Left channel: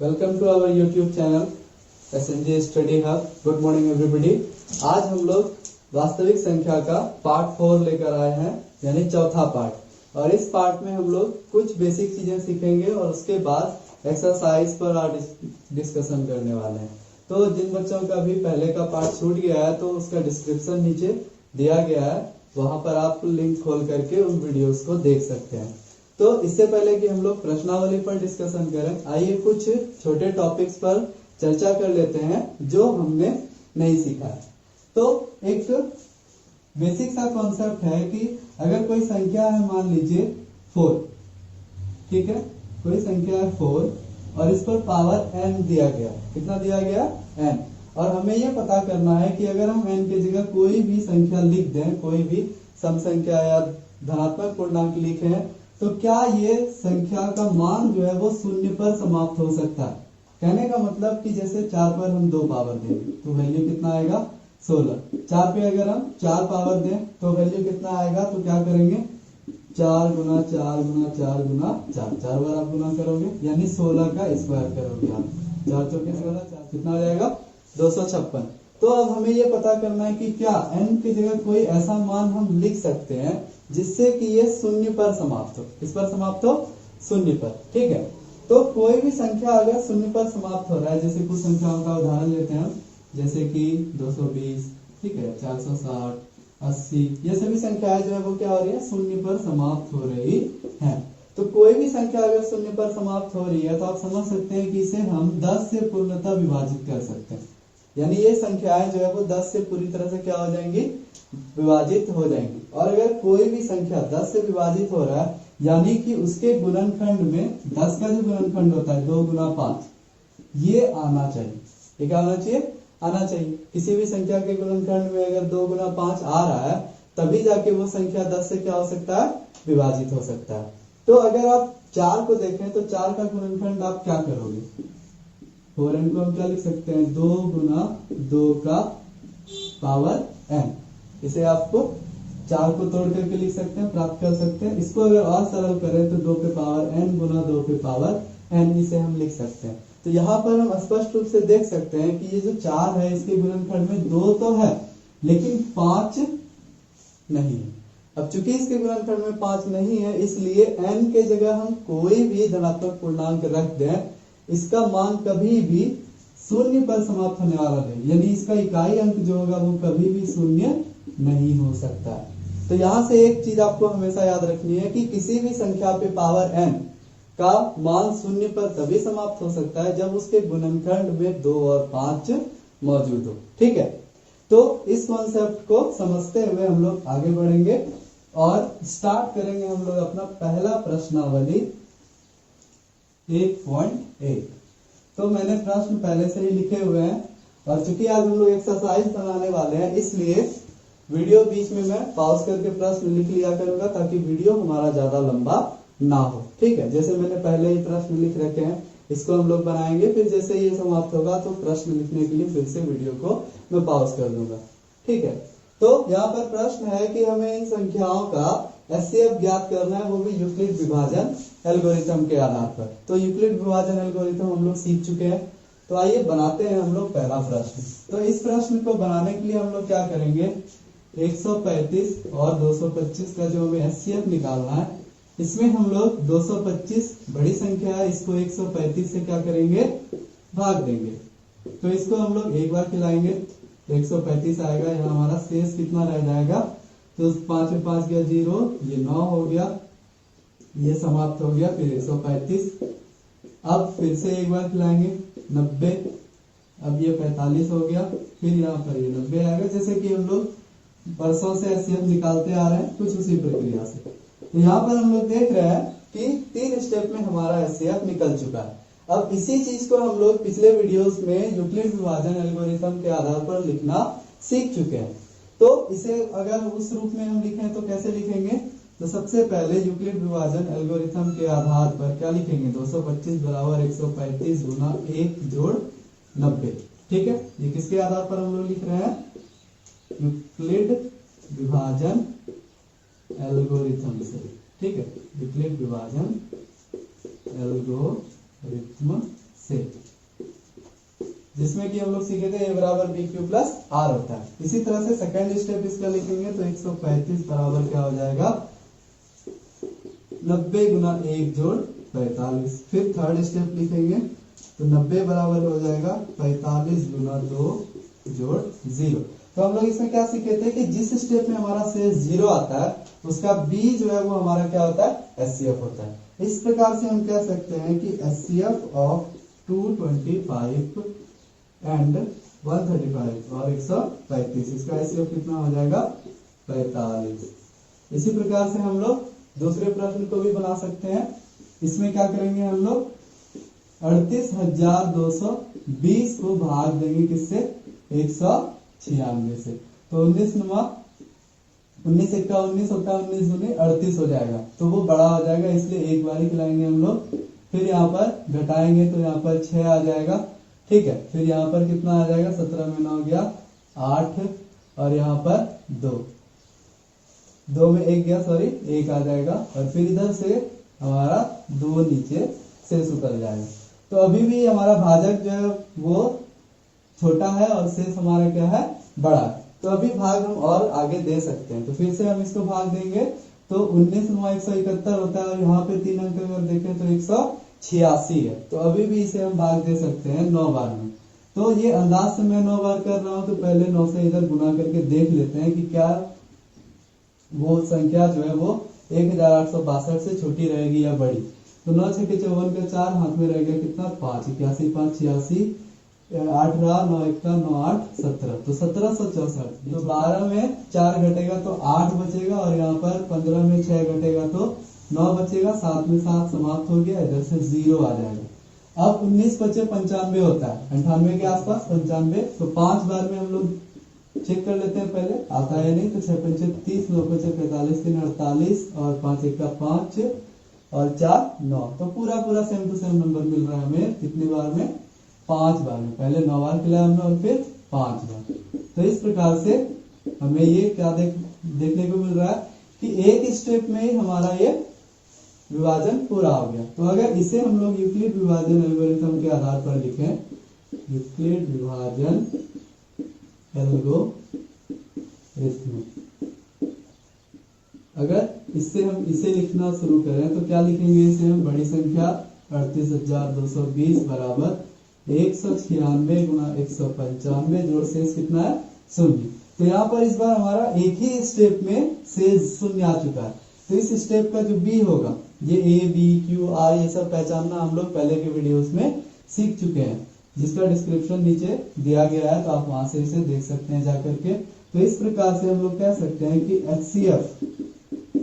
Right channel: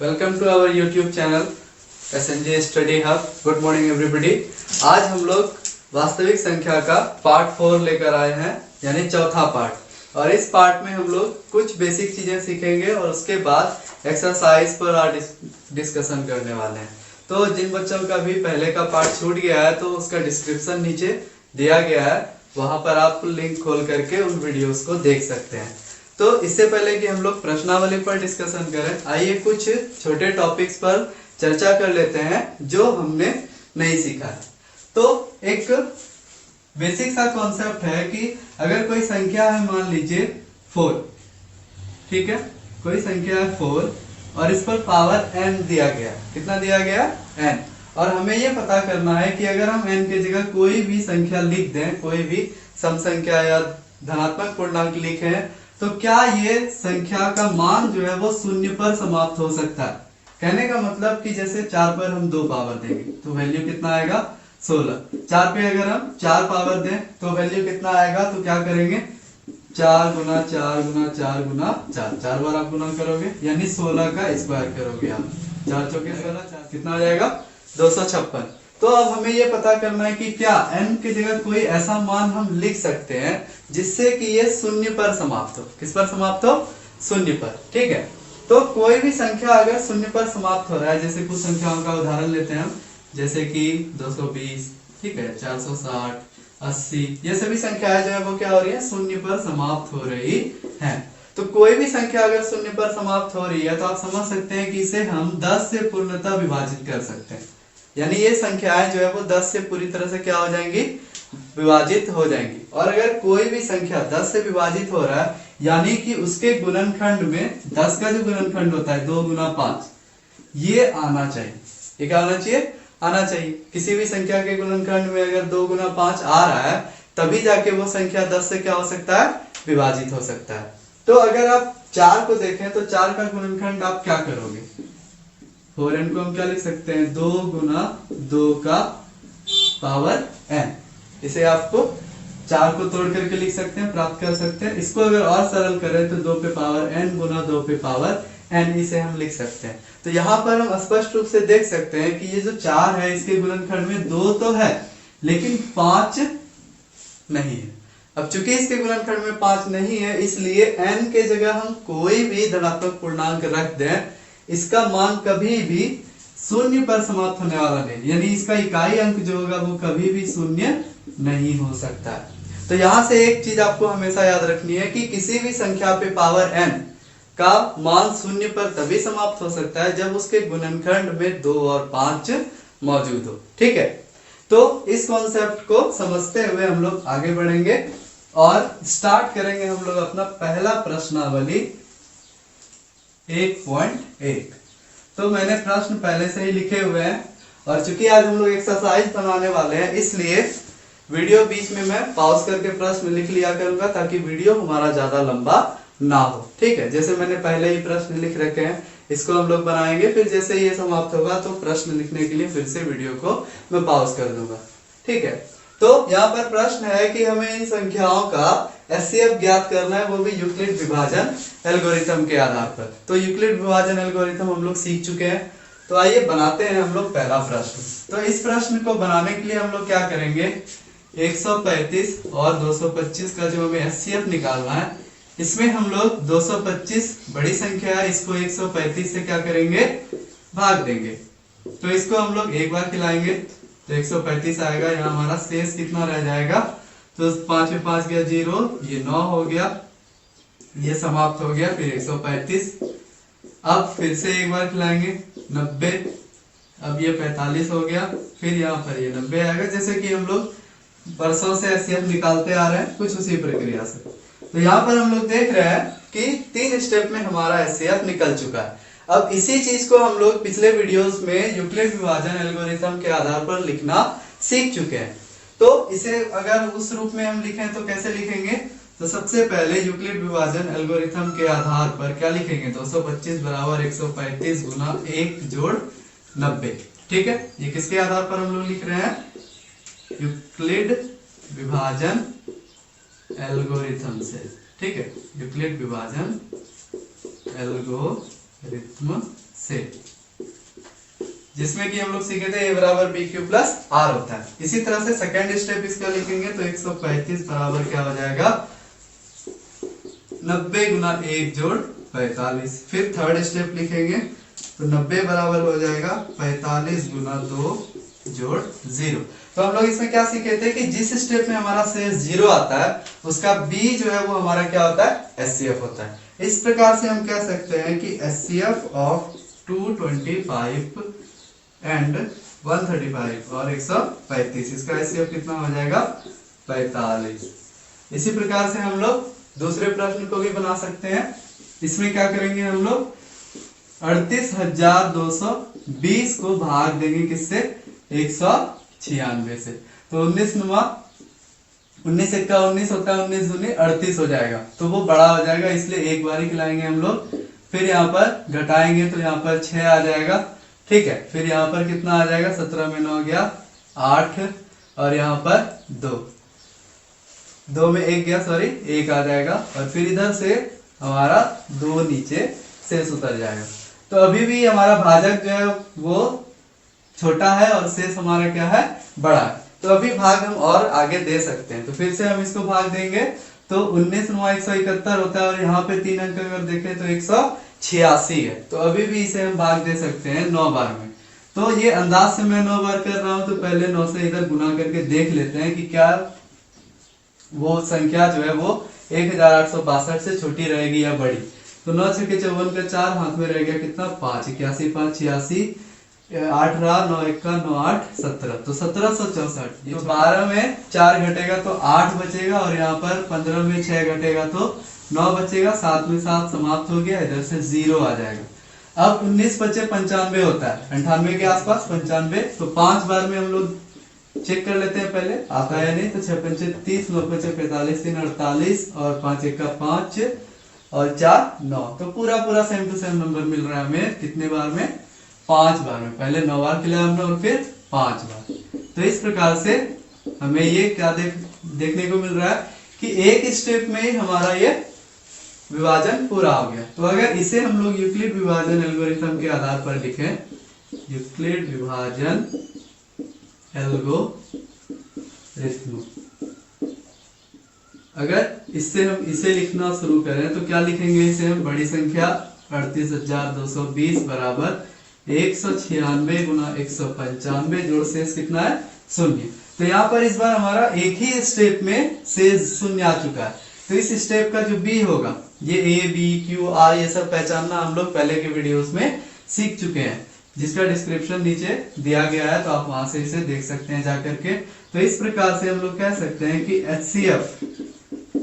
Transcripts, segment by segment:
Welcome to our YouTube channel SNJ study hub. Good morning everybody. आज हम लोग वास्तविक संख्या का पार्ट 4 लेकर आए हैं, यानी चौथा पार्ट। और इस पार्ट में हम लोग कुछ बेसिक चीजें सीखेंगे और उसके बाद एक्सरसाइज पर डिस्कशन करने वाले हैं। तो जिन बच्चों का भी पहले का पार्ट छूट गया है तो उसका डिस्क्रिप्शन नीचे दिया गया है, वहां पर आप लिंक खोल करके उन वीडियोस को देख सकते हैं। तो इससे पहले कि हम लोग प्रश्नावली पर डिस्कशन करें, आइए कुछ छोटे टॉपिक्स पर चर्चा कर लेते हैं जो हमने नहीं सीखा है। तो एक बेसिक सा कॉन्सेप्ट है कि अगर कोई संख्या है, मान लीजिए 4, ठीक है, कोई संख्या है 4 और इस पर पावर n दिया गया। कितना दिया गया? n। और हमें ये पता करना है कि अगर हम n की जगह कोई भी संख्या लिख दें, कोई भी सम संख्या या धनात्मक पूर्णांक लिखें, तो क्या ये संख्या का मान जो है वो शून्य पर समाप्त हो सकता है। कहने का मतलब कि जैसे 4 पर हम 2 पावर देंगे तो वैल्यू कितना आएगा? 16। 4 पे अगर हम 4 पावर दें तो वैल्यू कितना आएगा? तो क्या करेंगे? 4 गुना 4 गुना 4 गुना 4, 4 बार आप गुना करोगे यानी 16 का स्क्वायर करोगे आप। 4 चौके 16, कितना आ जाएगा? 256। तो अब हमें ये पता करना है कि क्या n की जगह कोई ऐसा मान हम लिख सकते हैं जिससे कि ये शून्य पर समाप्त हो। किस पर समाप्त हो? शून्य पर। ठीक है, तो कोई भी संख्या अगर शून्य पर समाप्त हो रहा है, जैसे कुछ संख्याओं का उदाहरण लेते हैं हम, जैसे कि 220, ठीक है, 460, 80, ये सभी संख्याएं जो है वो क्या हो रही है? शून्य पर समाप्त हो रही है। तो कोई भी संख्या अगर शून्य पर समाप्त हो रही है तो आप समझ सकते हैं कि इसे हम 10 से पूर्णतः विभाजित कर सकते हैं। यानी ये संख्याएं जो है वो 10 से पूरी तरह से क्या हो जाएंगी? विभाजित हो जाएंगी। और अगर कोई भी संख्या 10 से विभाजित हो रहा है, यानी कि उसके गुणनखंड में 10 का जो गुणनखंड होता है 2 गुना 5, ये आना चाहिए। ये क्या आना चाहिए? आना चाहिए। किसी भी संख्या के गुणनखंड में अगर 2 गुना 5 आ रहा है तभी जाके वो संख्या 10 से क्या हो सकता है? विभाजित हो सकता है। तो अगर आप 4 को देखें तो 4 का गुणनखंड आप क्या करोगे? 4n को हम क्या लिख सकते हैं? 2 गुना 2 का पावर n। इसे आपको 4 को तोड़ करके लिख सकते हैं, प्राप्त कर सकते हैं। इसको अगर और सरल करें तो 2 पे पावर n गुना 2 पे पावर n, इसे हम लिख सकते हैं। तो यहाँ पर हम स्पष्ट रूप से देख सकते हैं कि ये जो 4 है इसके गुणनखंड में 2 तो है लेकिन 5 नहीं है। अब चूंकि इसके गुणनखंड में 5 नहीं है, इसलिए n के जगह हम कोई भी धनात्मक पूर्णांक रख दें, इसका मान कभी भी शून्य पर समाप्त होने वाला नहीं, यानी इसका इकाई अंक जो होगा वो कभी भी शून्य नहीं हो सकता है। तो यहां से एक चीज आपको हमेशा याद रखनी है कि किसी भी संख्या पे पावर n का मान शून्य पर तभी समाप्त हो सकता है जब उसके गुणनखंड में 2 और 5 मौजूद हो। ठीक है, तो इस कॉन्सेप्ट को समझते हुए हम लोग आगे बढ़ेंगे और स्टार्ट करेंगे हम लोग अपना पहला प्रश्नावली 1.1। तो मैंने प्रश्न पहले से ही लिखे हुए हैं और चूंकि आज हम लोग एक्सरसाइज बनाने वाले हैं इसलिए वीडियो बीच में मैं पॉज करके प्रश्न लिख लिया करूंगा ताकि वीडियो हमारा ज्यादा लंबा ना हो। ठीक है, जैसे मैंने पहले ही प्रश्न लिख रखे हैं इसको हम लोग बनाएंगे, फिर जैसे ये समाप्त होगा तो प्रश्न लिखने के लिए फिर से वीडियो को मैं पॉज कर दूंगा। ठीक है, तो यहाँ पर प्रश्न है कि हमें इन संख्याओं का एचसीएफ ज्ञात करना है, वो भी यूक्लिड विभाजन एल्गोरिथम के आधार पर। तो यूक्लिड विभाजन एल्गोरिथम हम लोग सीख चुके हैं, तो आइए बनाते हैं हम लोग पहला प्रश्न। तो इस प्रश्न को बनाने के लिए हम लोग क्या करेंगे? 135 और 225 का जो हमें एचसीएफ निकालना है, इसमें हम लोग 225 बड़ी संख्या है, इसको 135 से क्या करेंगे? भाग देंगे। तो इसको हम लोग एक बार खिलाएंगे तो 135 आएगा। यहाँ हमारा शेष कितना रह जाएगा? तो 5 में 5 गया 0, ये 9 हो गया, ये समाप्त हो गया, फिर 135। अब फिर से एक बार खिलाएंगे 90, अब ये 45 हो गया, फिर यहाँ पर ये 90 आएगा। जैसे कि हम लोग परसों से एचसीएफ निकालते आ रहे हैं, कुछ उसी प्रक्रिया से। तो यहाँ पर हम लोग देख रहे हैं कि 3 स्टेप में हमारा एचसीएफ निकल चुका है। अब इसी चीज को हम लोग पिछले वीडियोस में यूक्लिड विभाजन एल्गोरिथम के आधार पर लिखना सीख चुके हैं। तो इसे अगर उस रूप में हम लिखें तो कैसे लिखेंगे? तो सबसे पहले यूक्लिड विभाजन एल्गोरिथम के आधार पर क्या लिखेंगे? 225 बराबर 135 गुना 1 जोड़ 90। ठीक है, ये किसके आधार पर हम लोग लिख रहे हैं? यूक्लिड विभाजन एल्गोरिथम से। ठीक है, यूक्लिड विभाजन एल्गोरिथम से, जिसमें कि हम लोग सीखे थे a बराबर बी क्यू प्लस आर होता है। इसी तरह से सेकेंड स्टेप इसका लिखेंगे तो 135 बराबर क्या हो जाएगा 90 गुना 1 जोड़ 45। फिर थर्ड स्टेप लिखेंगे तो 90 बराबर हो जाएगा 45 गुना 2 जोड़ 0। तो हम लोग इसमें क्या सीखे थे कि जिस स्टेप में हमारा शेष 0 आता है उसका b जो है वो हमारा क्या होता है HCF होता है। इस प्रकार से हम कह सकते हैं कि HCF ऑफ 225 एंड 135 और 135, इसका HCF कितना हो जाएगा 45। इसी प्रकार से हम लोग दूसरे प्रश्न को भी बना सकते हैं। इसमें क्या करेंगे हम लोग 38,220 को भाग देंगे किससे 196 से। तो 19 नुमा 19 एक्का 19 होता है, 19 दूनी 38 हो जाएगा, तो वो बड़ा हो जाएगा, इसलिए एक बार ही खिलाएंगे हम लोग। फिर यहाँ पर घटाएंगे तो यहाँ पर 6 आ जाएगा, ठीक है। फिर यहाँ पर कितना आ जाएगा 17 में 9 गया 8 और यहाँ पर 2 में 1 गया, सॉरी 1 आ जाएगा। और फिर इधर से हमारा 2 नीचे शेष उतर जाएगा। तो अभी भी हमारा भाजक जो है वो छोटा है और शेष हमारा क्या है बड़ा है। तो अभी भाग हम और आगे दे सकते हैं। तो फिर से हम इसको भाग देंगे तो 19 9 171 होता है और यहाँ पे 3 अंक अगर देखें तो 186 है। तो अभी भी इसे हम भाग दे सकते हैं 9 बार में। तो ये अंदाज से मैं 9 बार कर रहा हूं, तो पहले 9 से इधर गुना करके देख लेते हैं कि क्या वो संख्या जो है वो 1862 से छोटी रहेगी या बड़ी। तो 9 6 के 54 का 4 हाथ में रह गया कितना 5, 81 5 86, 8 रहा 9 1 का 9 8 17, तो 1764। तो 12 में 4 घटेगा तो 8 बचेगा और यहाँ पर 15 में 6 घटेगा तो 9 बचेगा, 7 में 7 समाप्त हो गया, इधर से 0 आ जाएगा। अब 19 बचे 95 होता है, 98 के आसपास 95। तो 5 बार में हम लोग चेक कर लेते हैं पहले आता है नहीं। तो 6 पंचे 30, 9 पंचे 45, 3 48 और 5 1 का 5 और 4 9। तो पूरा पूरा सेम टू सेम नंबर मिल रहा है हमें कितने बार में 5 बार में। पहले 9 बार खिलाया हमने और फिर 5 बार। तो इस प्रकार से हमें ये क्या देखने को मिल रहा है कि एक स्टेप में ही हमारा ये विभाजन पूरा हो गया। तो अगर इसे हम लोग यूक्लिड विभाजन एल्गोरिथम के आधार पर लिखें, यूक्लिड विभाजन एल्गोरिथम, अगर इससे हम इसे लिखना शुरू करें तो क्या लिखेंगे इसे हम बड़ी संख्या 38,220 बराबर 196 गुना 195 जोड़ शेष कितना है 0। तो यहाँ पर इस बार हमारा एक ही स्टेप में शेष 0 आ चुका है। तो इस स्टेप का जो बी होगा, ये ए बी क्यू आर ये सब पहचानना हम लोग पहले के वीडियोस में सीख चुके हैं, जिसका डिस्क्रिप्शन नीचे दिया गया है, तो आप वहां से इसे देख सकते हैं जाकर के। तो इस प्रकार से हम लोग कह सकते हैं कि HCF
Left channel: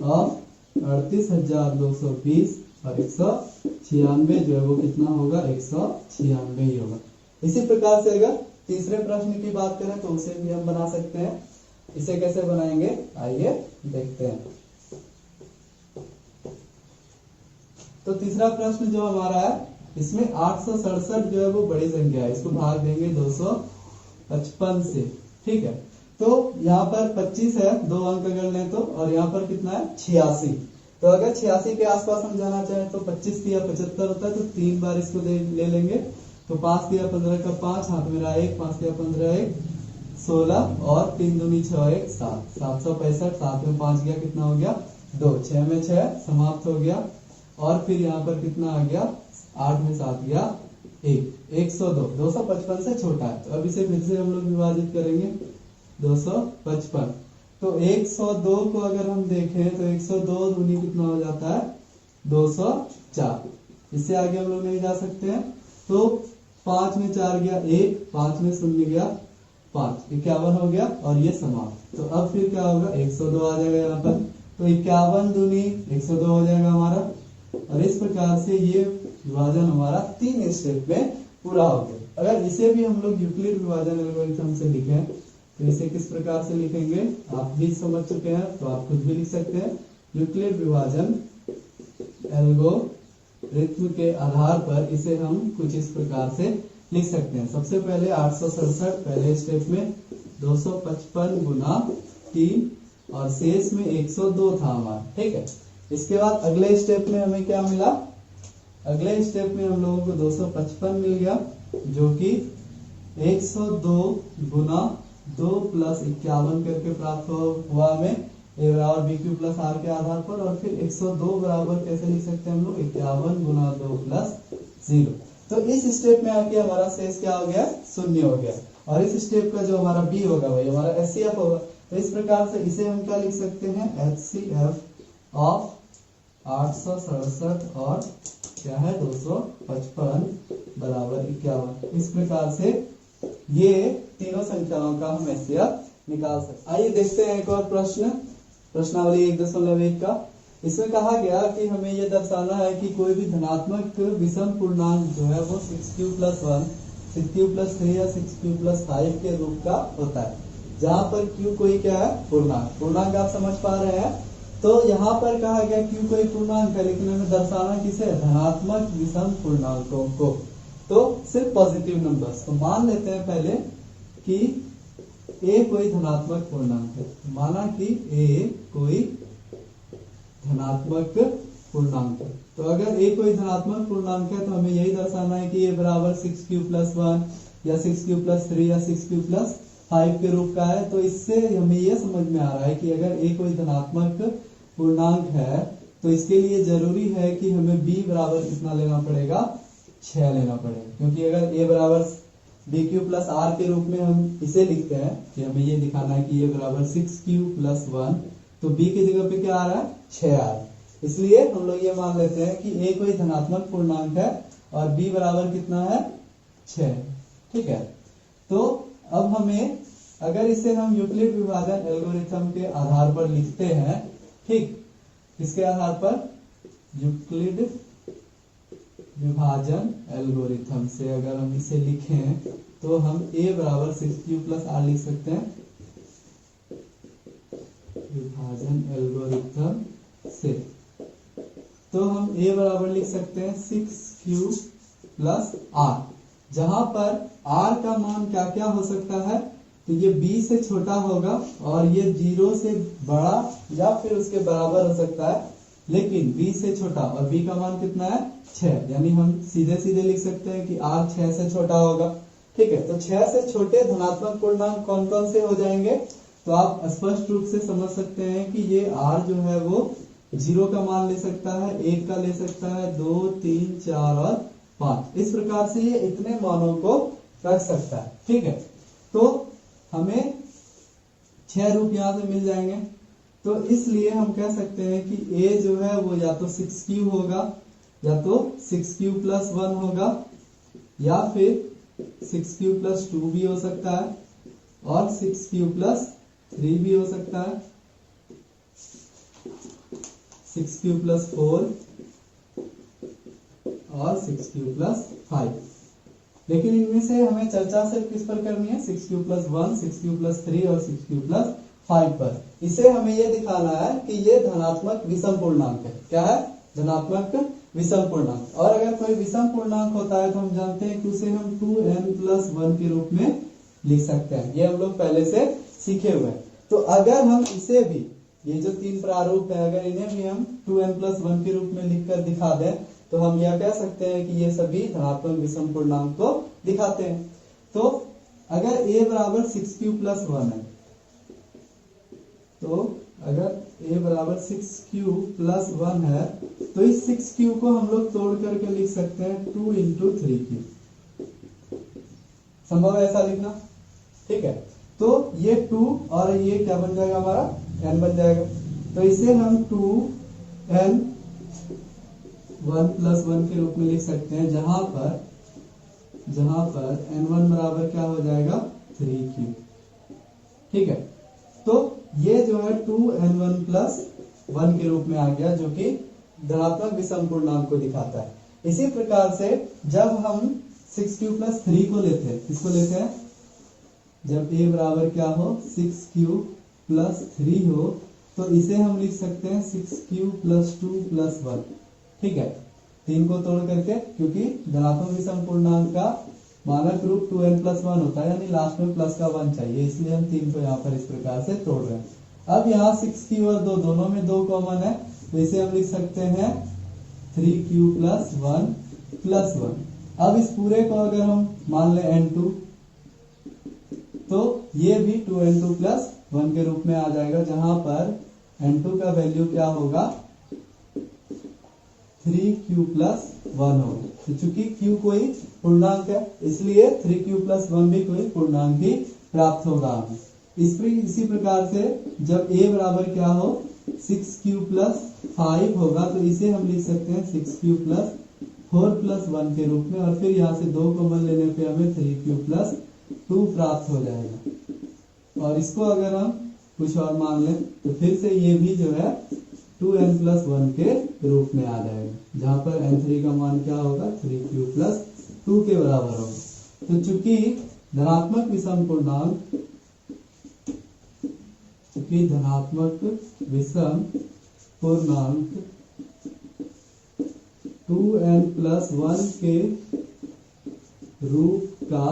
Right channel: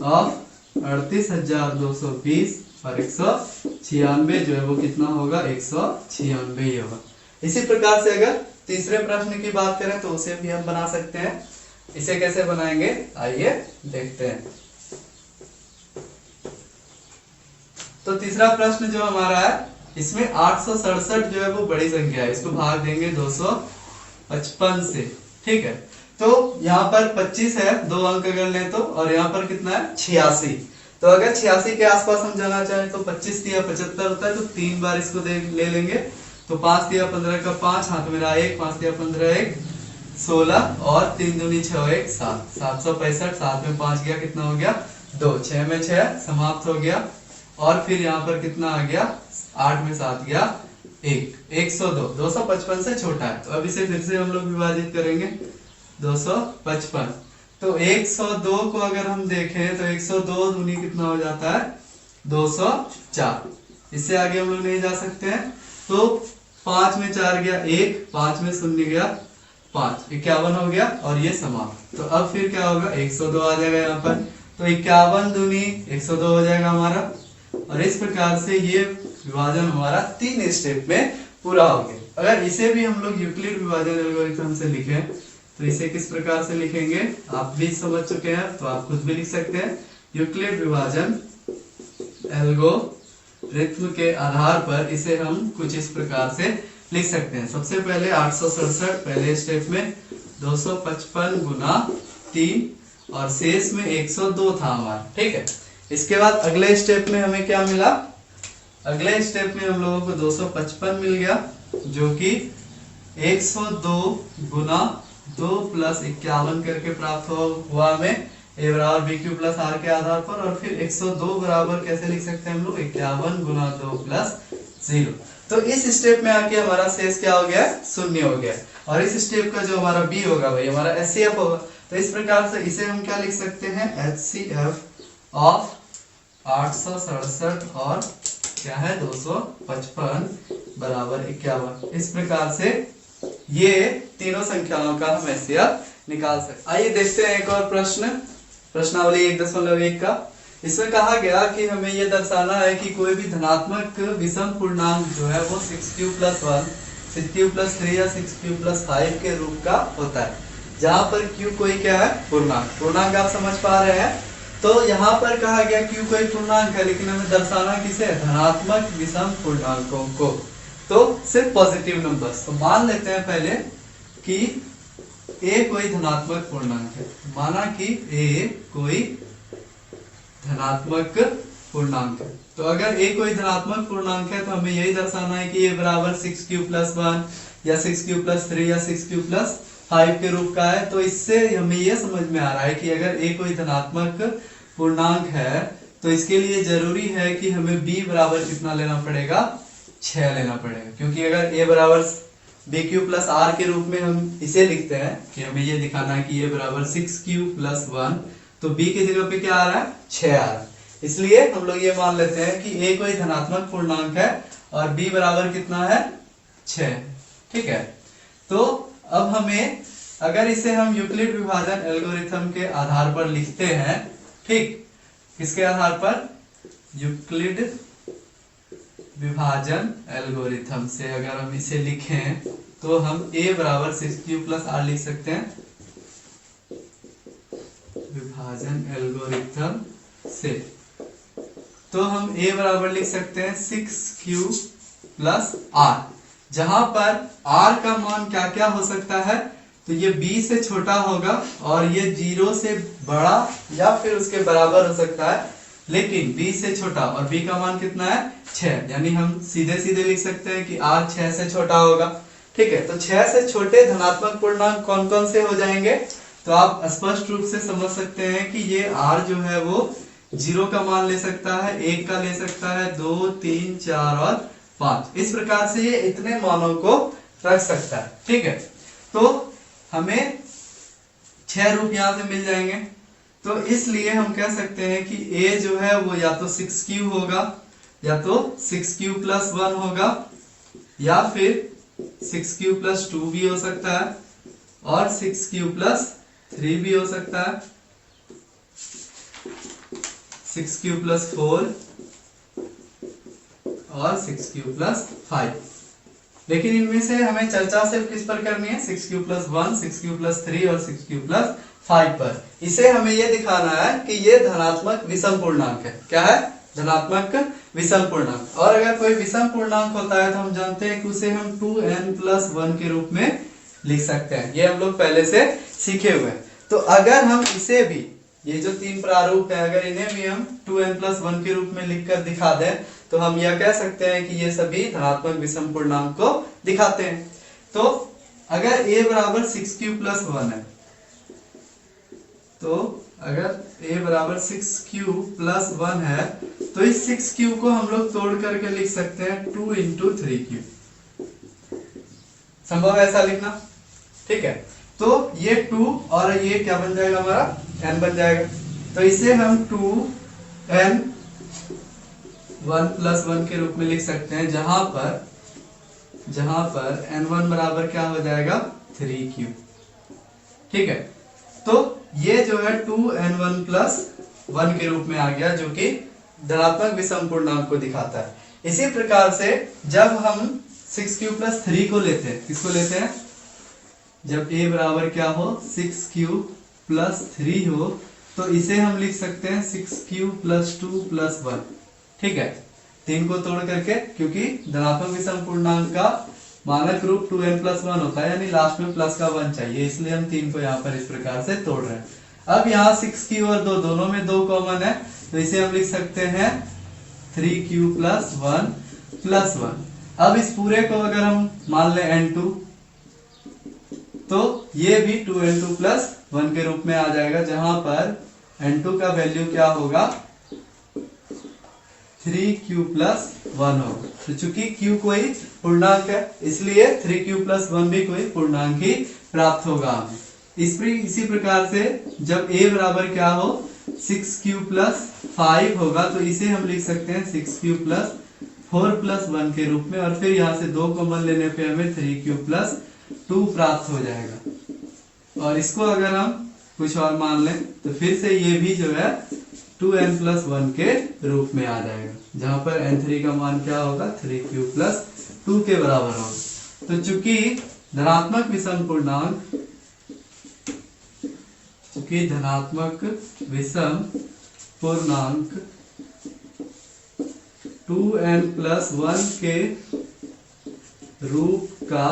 ऑफ 38,220 और 196 जो है वो कितना होगा 196 ही होगा। इसी प्रकार से अगर तीसरे प्रश्न की बात करें तो उसे भी हम बना सकते हैं। इसे कैसे बनाएंगे आइए देखते हैं। तो तीसरा प्रश्न जो हमारा है इसमें 867 जो है वो बड़ी संख्या है, इसको भाग देंगे 255 से, ठीक है। तो यहाँ पर 25 है, 2 अंक अगर लें तो, और यहाँ पर कितना है 86। तो अगर 86 के आसपास हम जाना चाहें तो 25 या 75 होता है, तो 3 बार इसको ले लेंगे। तो 5 या 15 का 5 हाथ में रहा 1, 5 या 15 1 16 और 3 दूनी 6 1 7, 765। 7 में 5 गया कितना हो गया 2, 6 में 6 समाप्त हो गया। और फिर यहाँ पर कितना आ गया 8 में 7 गया 1, 102। 255 से छोटा है, तो अब इसे फिर से हम लोग विभाजित करेंगे 255। तो 102 को अगर हम देखें तो 102 दूनी कितना हो जाता है 204। इससे आगे हम लोग नहीं जा सकते हैं। तो 5 में 4 गया 1, 5 में 0 गया 5, 51 हो गया और ये समाप्त। तो अब फिर क्या होगा 102 आ जाएगा यहाँ पर। तो 51 दूनी 102 हो जाएगा हमारा। और इस प्रकार से ये विभाजन हमारा 3 स्टेप में पूरा हो गया। अगर इसे भी हम लोग यूक्लिड विभाजन एल्गोरिथम से लिखें तो इसे किस प्रकार से लिखेंगे आप भी समझ चुके हैं, तो आप खुद भी लिख सकते हैं। यूक्लिड विभाजन एल्गोरिथम के आधार पर इसे हम कुछ इस प्रकार से लिख सकते हैं। सबसे पहले 867 पहले स्टेप में 255 गुना 3 और शेष में 102 था हमारा, ठीक है। इसके बाद अगले स्टेप में हमें क्या मिला अगले स्टेप में हम लोगों को 255 मिल गया, जो कि 102 गुना 2 प्लस 51 करके प्राप्त हुआ हमें a बराबर बी क्यू प्लस आर के आधार पर। और फिर 102 बराबर कैसे लिख सकते हैं हम लोग, 51 गुना 2 प्लस 0। तो इस स्टेप में आके हमारा शेष क्या हो गया, शून्य हो गया। और इस स्टेप का जो हमारा बी होगा वही हमारा एचसीएफ होगा। तो इस प्रकार से इसे हम क्या लिख सकते हैं, एचसीएफ ऑफ 867 और क्या है 255 बराबर 51। इस प्रकार से ये तीनों संख्याओं का हम एचसीएफ निकाल सकते। आइए देखते हैं एक और प्रश्न, प्रश्नावली 1.1 का। इसमें कहा गया कि हमें ये दर्शाना है कि कोई भी धनात्मक विषम पूर्णांक जो है वो 6q + 1, 6q + 3 या 6q + 5 के रूप का होता है, जहां पर q कोई क्या है, पूर्णांक। पूर्णांक आप समझ पा रहे हैं। तो यहाँ पर कहा गया q कोई पूर्णांक है, लेकिन हमें दर्शाना किसे, धनात्मक विषम पूर्णांकों को। तो सिर्फ पॉजिटिव नंबर्स। तो मान लेते हैं पहले कि a कोई धनात्मक पूर्णांक है। माना कि a कोई धनात्मक पूर्णांक है। तो अगर a कोई धनात्मक पूर्णांक है तो हमें यही दर्शाना है कि a बराबर 6q + 1 या 6q + 3 या 6q + 5 के रूप का है। तो इससे हमें यह समझ में आ रहा है कि अगर a कोई धनात्मक पूर्णांक है तो इसके लिए जरूरी है कि हमें b बराबर कितना लेना पड़ेगा, 6 लेना पड़ेगा। क्योंकि अगर a बराबर bq + r के रूप में हम इसे लिखते हैं कि हमें ये दिखाना है कि a बराबर 6q + 1, तो b की जगह पे क्या आ रहा है, 6 आ रहा है। इसलिए हम लोग ये मान लेते हैं कि a कोई धनात्मक पूर्णांक है और b बराबर कितना है, 6। ठीक है। तो अब हमें अगर इसे हम यूक्लिड विभाजन एल्गोरिथम के आधार पर लिखते हैं, ठीक, किसके आधार पर, यूक्लिड विभाजन एल्गोरिथम से अगर हम इसे लिखें तो हम a बराबर 6q + r लिख सकते हैं विभाजन एल्गोरिथम से। तो हम a बराबर लिख सकते हैं 6q + r, जहां पर r का मान क्या क्या हो सकता है, तो ये b से छोटा होगा और ये 0 से बड़ा या फिर उसके बराबर हो सकता है, लेकिन b से छोटा। और b का मान कितना है, 6। यानी हम सीधे सीधे लिख सकते हैं कि r 6 से छोटा होगा। ठीक है। तो 6 से छोटे धनात्मक पूर्णांक कौन कौन से हो जाएंगे, तो आप स्पष्ट रूप से समझ सकते हैं कि ये r जो है वो 0 का मान ले सकता है, 1 का ले सकता है, 2, 3, 4 और 5। इस प्रकार से ये इतने मानों को रख सकता है। ठीक है। तो हमें 6 रूप यहां से मिल जाएंगे। तो इसलिए हम कह सकते हैं कि a जो है वो या तो 6q होगा, या तो 6q + 1 होगा, या फिर 6q + 2 भी हो सकता है, और 6q + 3 भी हो सकता है, 6q + 4 और 6q + 5। लेकिन इनमें से हमें चर्चा सिर्फ किस पर करनी है, 6q + 1, 6q + 3 और 6q + 5 पर। इसे हमें यह दिखाना है कि ये धनात्मक विषम पूर्णांक है। क्या है, धनात्मक विषम पूर्णांक। और अगर कोई विषम पूर्णांक होता है तो हम जानते हैं कि उसे हम 2n + 1 के रूप में लिख सकते हैं। ये हम लोग पहले से सीखे हुए हैं। तो अगर हम इसे भी, ये जो 3 प्रारूप है, अगर इन्हें भी हम 2n + 1 के रूप में लिखकर दिखा दें तो हम यह कह सकते हैं कि ये सभी धनात्मक विषम पूर्णांक को दिखाते हैं। तो अगर a बराबर 6q + 1 है, तो अगर a बराबर 6q + 1 है तो इस 6q को हम लोग तोड़ करके लिख सकते हैं 2 × 3q। संभव है ऐसा लिखना? ठीक है। तो ये 2 और ये क्या बन जाएगा, हमारा n बन जाएगा। तो इसे हम 2n 1 + 1 के रूप में लिख सकते हैं, जहां पर n1 बराबर क्या हो जाएगा, 3q। ठीक है। तो ये जो है 2n1 + 1 के रूप में आ गया, जो कि धनात्मक विषम पूर्णांक को दिखाता है। इसी प्रकार से जब हम 6q + 3 को लेते हैं, किसको लेते हैं, जब a बराबर क्या हो, 6q + 3 हो, तो इसे हम लिख सकते हैं 6q + 2 + 1। ठीक है। 3 को तोड़ करके, क्योंकि धनात्मक विषम पूर्णांक का मानक रूप 2n + 1 होता है, यानी लास्ट में प्लस का 1 चाहिए, इसलिए हम 3 को यहाँ पर इस प्रकार से तोड़ रहे हैं। अब यहाँ 6q और 2 दोनों में 2 कॉमन है, तो इसे हम लिख सकते हैं 3q प्लस 1 प्लस 1। अब इस पूरे को अगर हम मान लें n2 तो ये भी 2n2 प्लस 1 के रूप में आ जाएगा, जहां पर n2 का वैल्यू क्या होगा 3q प्लस 1 होगा। तो चूंकि q कोई पूर्णांक है इसलिए 3q प्लस 1 भी कोई पूर्णांक ही प्राप्त होगा हमें। इसी प्रकार से जब a बराबर क्या हो 6q प्लस 5 होगा तो इसे हम लिख सकते हैं 6q प्लस 4 प्लस 1 के रूप में, और फिर यहाँ से 2 कॉमन लेने पे हमें 3q प्लस 2 प्राप्त हो जाएगा। और इसको अगर हम कुछ और मान लें तो फिर से ये भी जो है 2n प्लस 1 के रूप में आ जाएगा, जहां पर n3 का मान क्या होगा 3q प्लस 2 के बराबर होगा। तो चूंकि धनात्मक विषम पूर्णांक 2n प्लस 1 के रूप का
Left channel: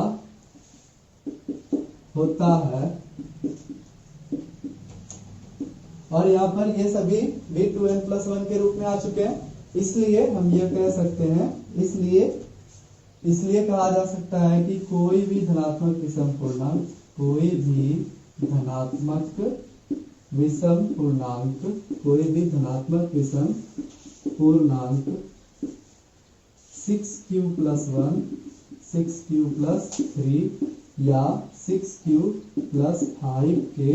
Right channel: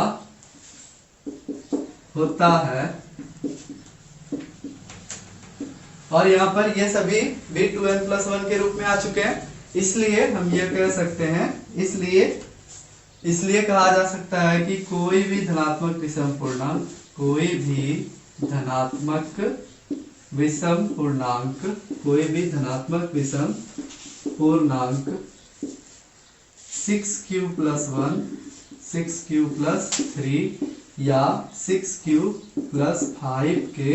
होता है, और यहाँ पर ये सभी भी 2n प्लस 1 के रूप में आ चुके हैं, इसलिए हम ये कह सकते हैं, इसलिए कहा जा सकता है कि कोई भी धनात्मक विषम पूर्णांक 6q प्लस 1, 6q प्लस 3 या 6q प्लस 5 के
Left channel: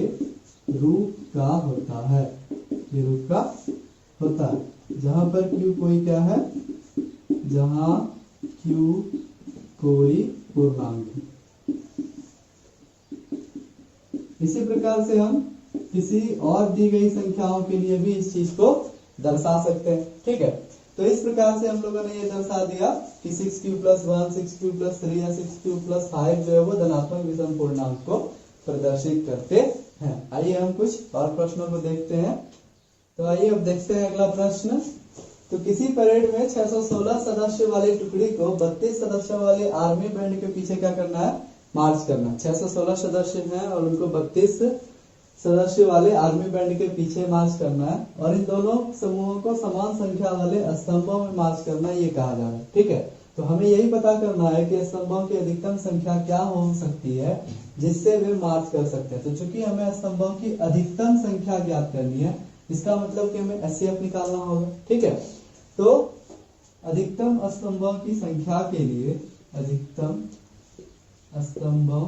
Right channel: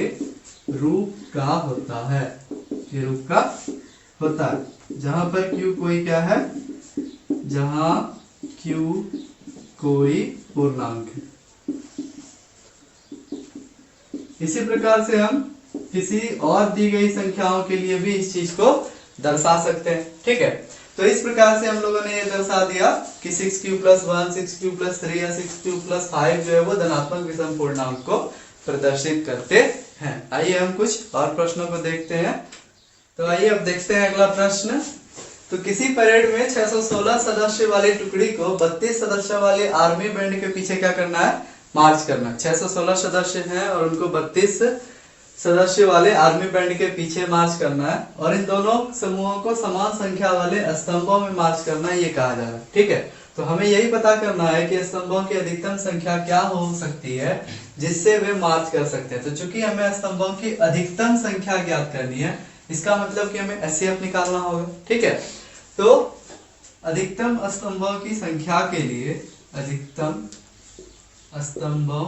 रूप का होता है, जहां पर q कोई क्या है, जहां q कोई पूर्णांक है। इसी प्रकार से हम किसी और दी गई संख्याओं के लिए भी इस चीज को दर्शा सकते हैं। ठीक है, तो इस प्रकार से हम लोगों ने ये दर्शा दिया कि 6q प्लस 1, 6q प्लस 3 या 6q प्लस 5 जो है वो धनात्मक विषम पूर्णांक को प्रदर्शित करते हैं। आइए हम कुछ और प्रश्नों को देखते हैं। तो आइए अब देखते हैं अगला प्रश्न। तो किसी परेड में 616 सदस्य वाली टुकड़ी को 32 सदस्य वाले आर्मी बैंड के पीछे क्या करना है, मार्च करना। 616 सदस्य हैं और उनको 32 सदस्य वाले आर्मी बैंड के पीछे मार्च करना है, और इन दोनों समूहों को समान संख्या वाले स्तंभों में मार्च करना है, ये कहा जा रहा है। ठीक है, तो हमें यही पता करना है कि स्तंभों की अधिकतम संख्या क्या हो सकती है जिससे वे मार्च कर सकते हैं। तो चूंकि हमें स्तंभों की अधिकतम संख्या ज्ञात करनी है, इसका मतलब कि हमें एचसीएफ निकालना होगा। ठीक है, तो अधिकतम स्तंभों की संख्या के लिए अधिकतम स्तंभों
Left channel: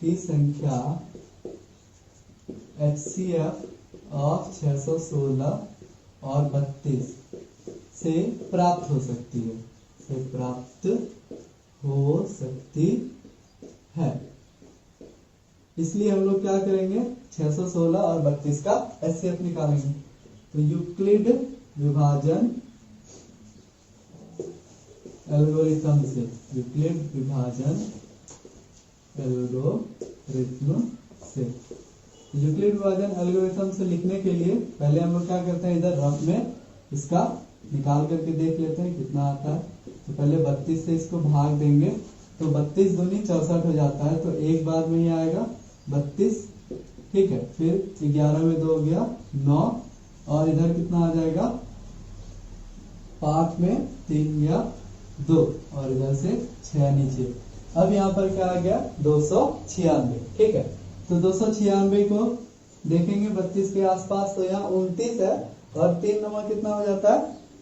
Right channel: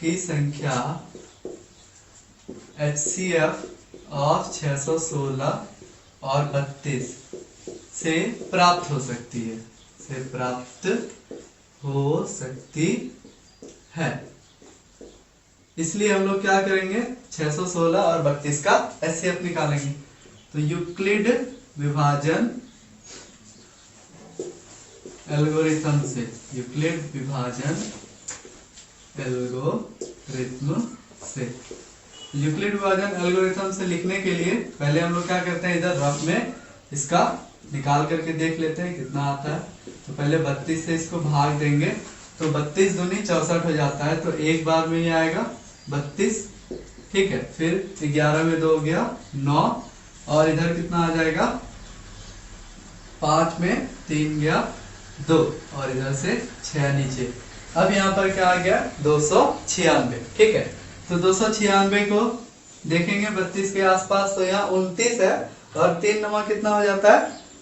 की संख्या HCF ऑफ 616 और 32 से प्राप्त हो सकती है, इसलिए हम लोग क्या करेंगे 616 और 32 का HCF निकालेंगे। तो यूक्लिड विभाजन एल्गोरिथम से, यूक्लिड विभाजन एल्गोरिथम से लिखने के लिए पहले हम लोग क्या करते हैं, इधर रफ में इसका निकाल करके देख लेते हैं कितना आता है। तो पहले 32 से इसको भाग देंगे तो 32 दूनी 64 हो जाता है, तो एक बार में ये आएगा 32। ठीक है, फिर 11 में 2 हो गया 9, और इधर कितना आ जाएगा 5 में 3 गया 2, और इधर से 6 नीचे। अब यहाँ पर क्या आ गया 296। ठीक है, तो 296 को देखेंगे 32 के आसपास, तो यहाँ 29 है, और 3 9 कितना हो जाता है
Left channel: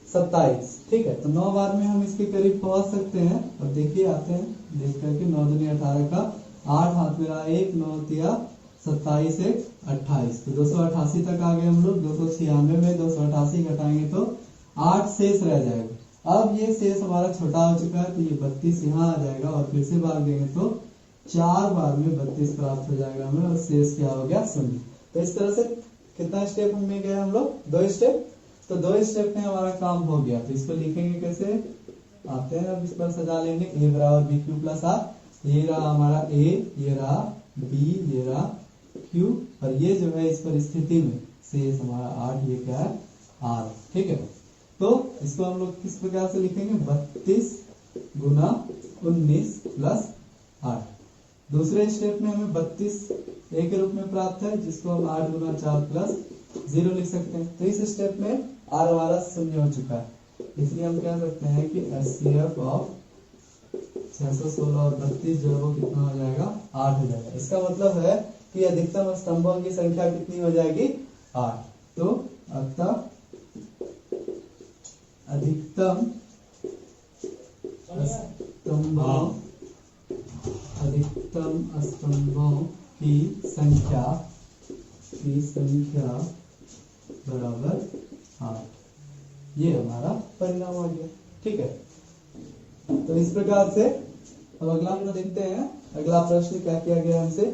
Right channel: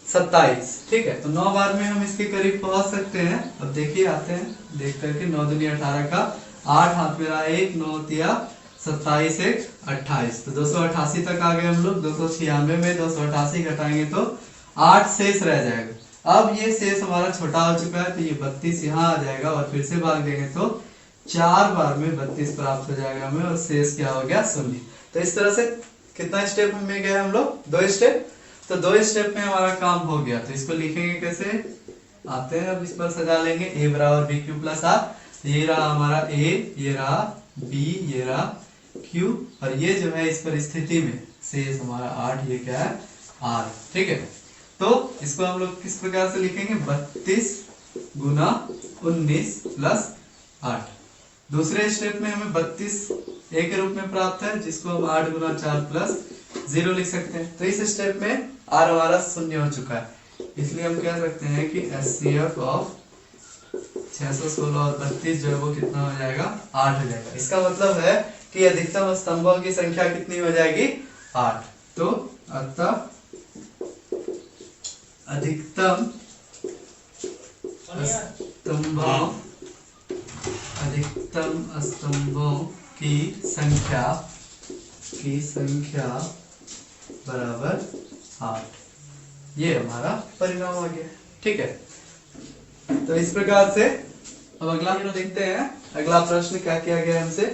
27। ठीक है, तो 9 बार में हम इसके करीब पहुंच सकते हैं। अब देखिए आते हैं देख करके, 9 दूनी 18 का 8 हाथ मेरा 1, 9 तिया 27 1 28, तो 288 तक आ गए हम लोग। 296 में 288 घटाएंगे तो 8 शेष रह जाएगा। अब ये शेष हमारा छोटा हो चुका है, तो ये 32 यहाँ आ जाएगा, और फिर से भाग देंगे तो 4 बार में 32 प्राप्त हो जाएगा हमें, और शेष क्या हो गया 0। तो इस तरह से कितना स्टेप में गए हम लोग, 2 स्टेप। तो 2 स्टेप में हमारा काम हो गया। तो इसको लिखेंगे कैसे, आते हैं अब इस पर सजा लेंगे। a बराबर bq प्लस r, ये रहा हमारा a, ये रहा b, ये रहा q, और ये जो है इस पर स्थिति में शेष हमारा 8, ये क्या है r। ठीक है, तो इसको हम लोग किस प्रकार से लिखेंगे, 32 गुना 19 प्लस 8। दूसरे स्टेप में हमें 32 a के रूप में प्राप्त है, जिसको हम 8 गुना 4 प्लस 0 लिख सकते हैं। तो इस स्टेप में r हमारा शून्य हो चुका है, इसलिए हम कह सकते हैं कि HCF ऑफ 616 और 32 जो है वो कितना हो जाएगा, 8 हो जाएगा। इसका मतलब है कि अधिकतम स्तंभों की संख्या कितनी हो जाएगी, 8। तो अतः अधिकतम स्तंभों की संख्या बराबर 8। ये हमारा परिणाम आ गया। ठीक है, तो इस प्रकार से अब अगला देखते हैं। अगला प्रश्न क्या किया गया हमसे,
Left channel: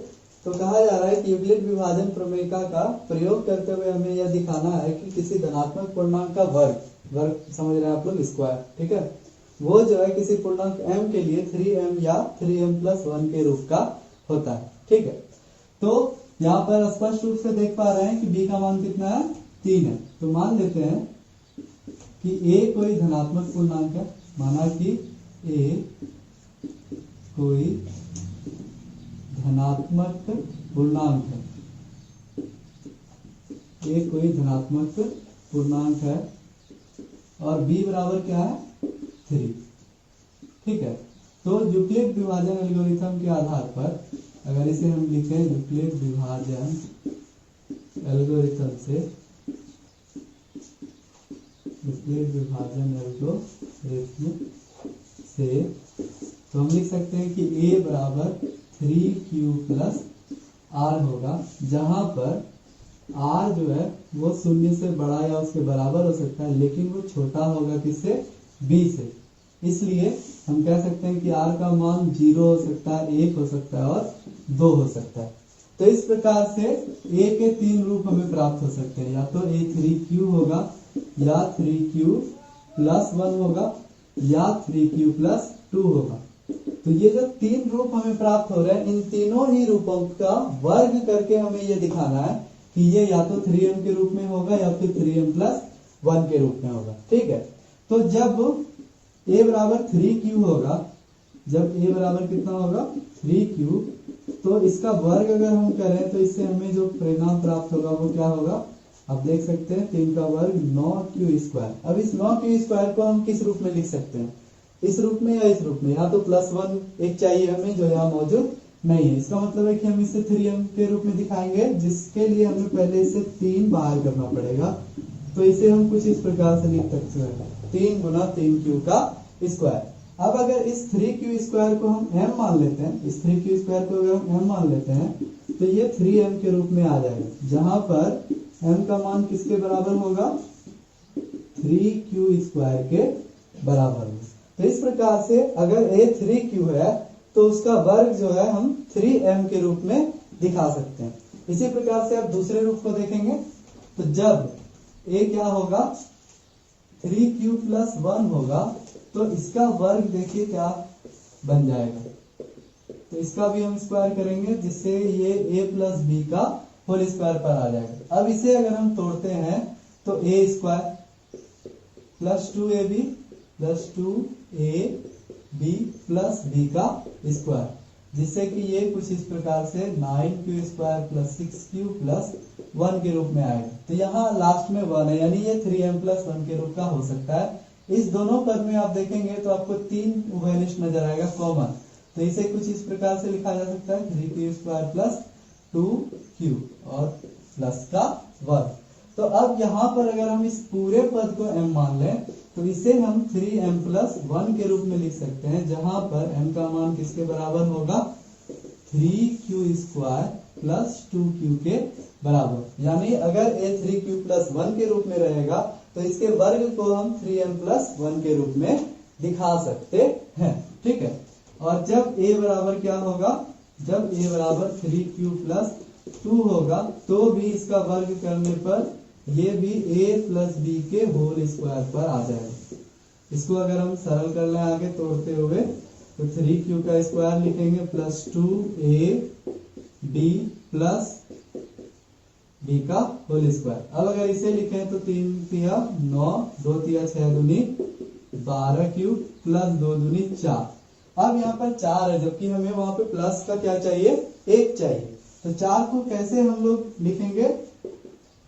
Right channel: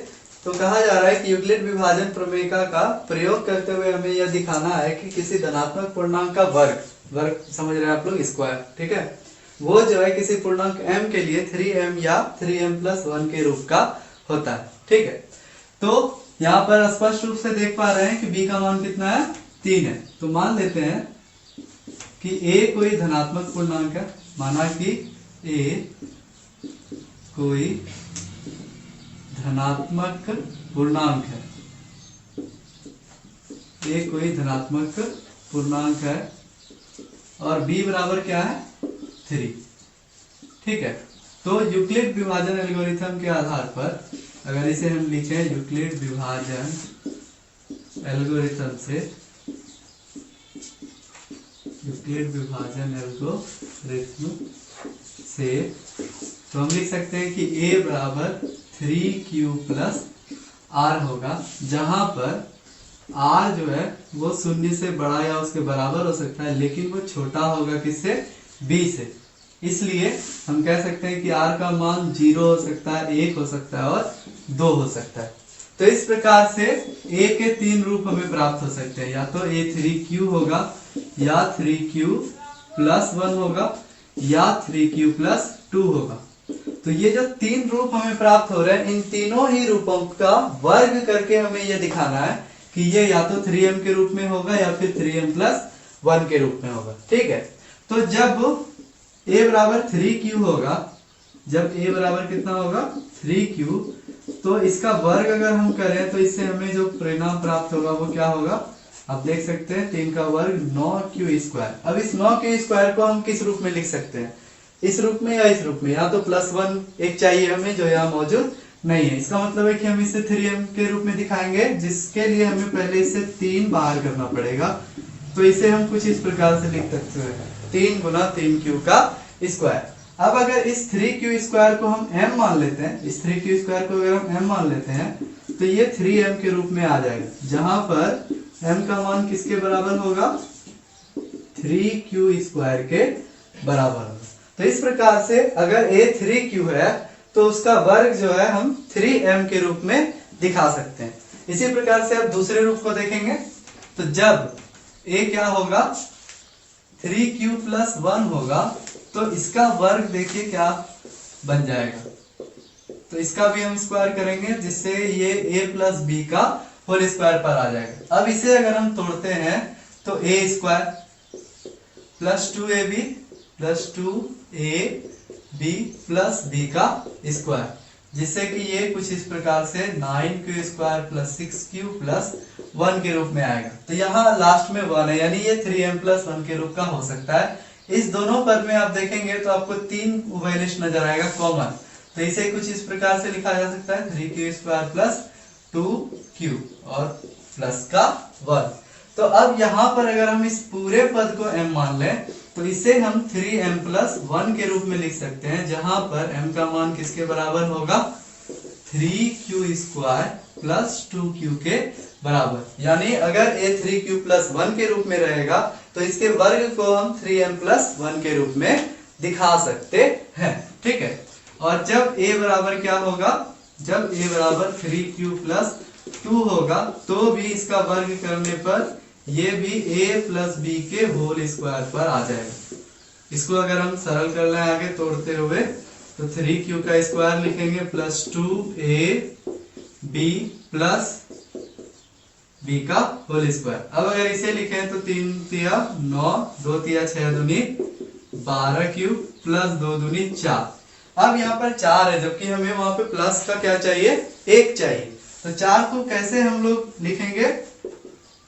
तो कहा जा रहा है कि यूक्लिड विभाजन प्रमेय का प्रयोग करते हुए हमें यह दिखाना है कि किसी धनात्मक पूर्णांक का वर्ग समझ रहे हैं आप लोग, स्क्वायर, ठीक है, वो जो है किसी पूर्णांक m के लिए 3m या 3m+1 के रूप का होता है। ठीक है, तो यहाँ पर स्पष्ट रूप से देख पा रहे हैं कि b का मान कितना है, 3 है। तो मान लेते हैं कि a कोई धनात्मक पूर्णांक है, माना कि a कोई धनात्मक पूर्णांक है, a कोई धनात्मक पूर्णांक है और b बराबर क्या है, 3। ठीक है, तो यूक्लिड विभाजन एल्गोरिथम के आधार पर अगर इसे हम लिखें यूक्लिड विभाजन एल्गोरिथम से तो हम लिख सकते हैं कि a बराबर 3q प्लस r होगा, जहां पर r जो है वो 0 से बड़ा या उसके बराबर हो सकता है, लेकिन वो छोटा होगा किससे, b से। इसलिए हम कह सकते हैं कि r का मान 0 हो सकता है, 1 हो सकता है और 2 हो सकता है। तो इस प्रकार से a के 3 रूप हमें प्राप्त हो सकते हैं, या तो a 3q होगा, या 3q प्लस 1 होगा, या 3q प्लस 2 होगा। तो ये जो 3 रूप हमें प्राप्त हो रहे हैं, इन तीनों ही रूपों का वर्ग करके हमें ये दिखाना है कि ये या तो 3m के रूप में होगा या फिर 3m+1 के रूप में होगा। ठीक है, तो जब a बराबर 3q होगा, जब a बराबर कितना होगा, 3q, तो इसका वर्ग अगर हम करें तो इससे हमें जो परिणाम प्राप्त होगा वो क्या होगा, आप देख सकते हैं 3 का वर्ग 9q²। अब इस 9q² को हम किस रूप में लिख सकते हैं, इस रूप में या इस रूप में, या तो +1 एक चाहिए हमें जो यहाँ मौजूद नहीं है। इसका मतलब है कि हम इसे 3m के रूप में दिखाएंगे, जिसके लिए हमें पहले इसे 3 बाहर करना पड़ेगा। तो इसे हम कुछ इस प्रकार से लिख सकते हैं, 3 × 3q²। अब अगर इस 3q² को हम m मान लेते हैं, इस 3q² को अगर हम m मान लेते हैं तो ये 3m के रूप में आ जाएगा, जहां पर m का मान किसके बराबर होगा, 3q² के बराबर होगा। तो इस प्रकार से अगर a 3q है तो उसका वर्ग जो है हम 3m के रूप में दिखा सकते हैं। इसी प्रकार से आप दूसरे रूप को देखेंगे, तो जब a क्या होगा, 3q+1 होगा, तो इसका वर्ग देखिए क्या बन जाएगा। तो इसका भी हम स्क्वायर करेंगे, जिससे ये a + b का होल स्क्वायर पर आ जाएगा। अब इसे अगर हम तोड़ते हैं तो a² + 2ab + 2ab + b का स्क्वायर, जिससे कि ये कुछ इस प्रकार से 9q² + 6q + 1 के रूप में आएगा। तो यहाँ लास्ट में 1 है, यानी ये 3m+1 के रूप का हो सकता है। इस दोनों पद में आप देखेंगे तो आपको 3 उभयनिष्ठ नजर आएगा कॉमन, तो इसे कुछ इस प्रकार से लिखा जा सकता है 3q² + 2q और प्लस का 1। तो अब यहाँ पर अगर हम इस पूरे पद को m मान लें तो इसे हम 3m+1 के रूप में लिख सकते हैं, जहां पर m का मान किसके बराबर होगा, 3q² + 2q के बराबर। यानी अगर a 3q+1 के रूप में रहेगा तो इसके वर्ग को हम 3m+1 के रूप में दिखा सकते हैं। ठीक है, और जब a बराबर क्या होगा, जब a बराबर 3q+2 होगा तो भी इसका वर्ग करने पर ये भी a + b के होल स्क्वायर पर आ जाएगा। इसको अगर हम सरल कर लें आगे तोड़ते हुए, तो 3q का स्क्वायर लिखेंगे + 2ab + b का होल स्क्वायर। अब अगर इसे लिखें तो 3 तिया 9, 2 तिया 6 दूनी 12q + 2 दूनी 4। अब यहाँ पर 4 है, जबकि हमें वहां पे प्लस का क्या चाहिए, 1 चाहिए। तो 4 को कैसे हम लोग लिखेंगे,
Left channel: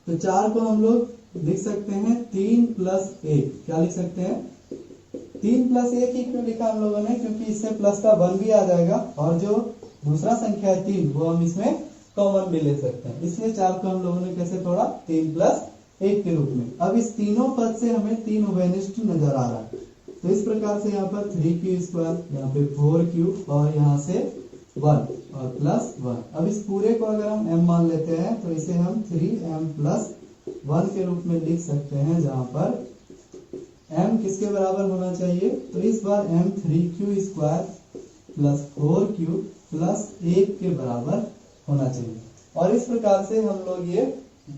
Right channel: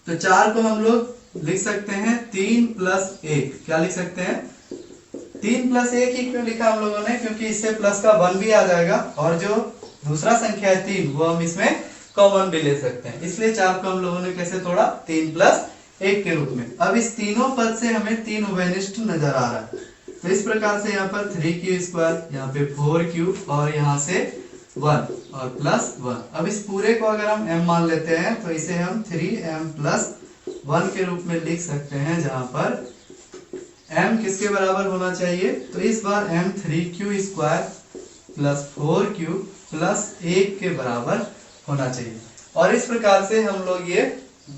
तो 4 को हम लोग लिख सकते हैं 3 प्लस 1। क्या लिख सकते हैं? 3 प्लस 1 ही क्यों लिखा हम लोगों ने? क्योंकि इससे प्लस का 1 भी आ जाएगा और जो दूसरा संख्या है 3 वो हम इसमें कॉमन भी ले सकते हैं, इसलिए 4 को हम लोगों ने कैसे तोड़ा? 3 प्लस 1 के रूप में। अब इस तीनों पद से हमें 3 उभयनिष्ठ नजर आ रहा है, तो इस प्रकार से यहाँ पर 3q², यहाँ पे 4q और यहाँ से 1 और प्लस 1। अब इस पूरे को अगर हम m मान लेते हैं तो इसे हम 3m प्लस 1 के रूप में लिख सकते हैं, जहां पर m किसके बराबर होना चाहिए? तो इस बार m 3q² plus 4q plus 1 के बराबर होना चाहिए। और इस प्रकार से हम लोग ये